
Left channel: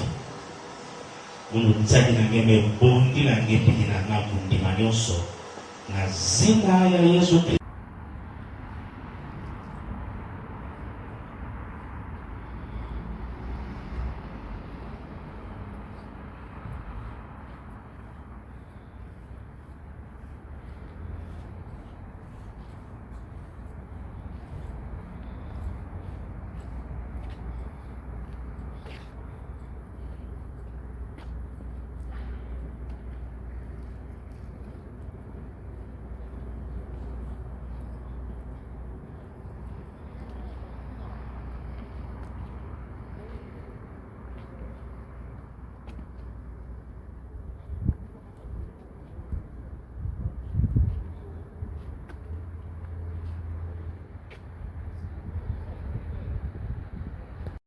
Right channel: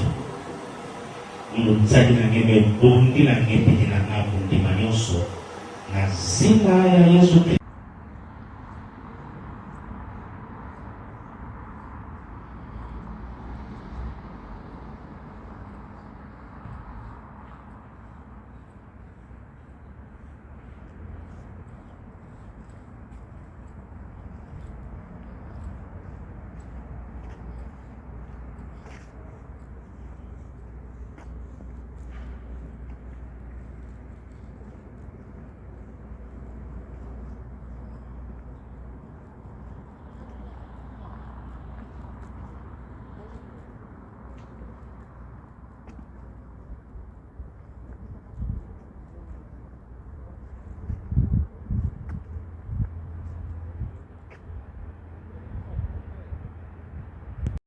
Nous avons bondi la guerre de la Nabundi Manioso. Na zina ya Yesu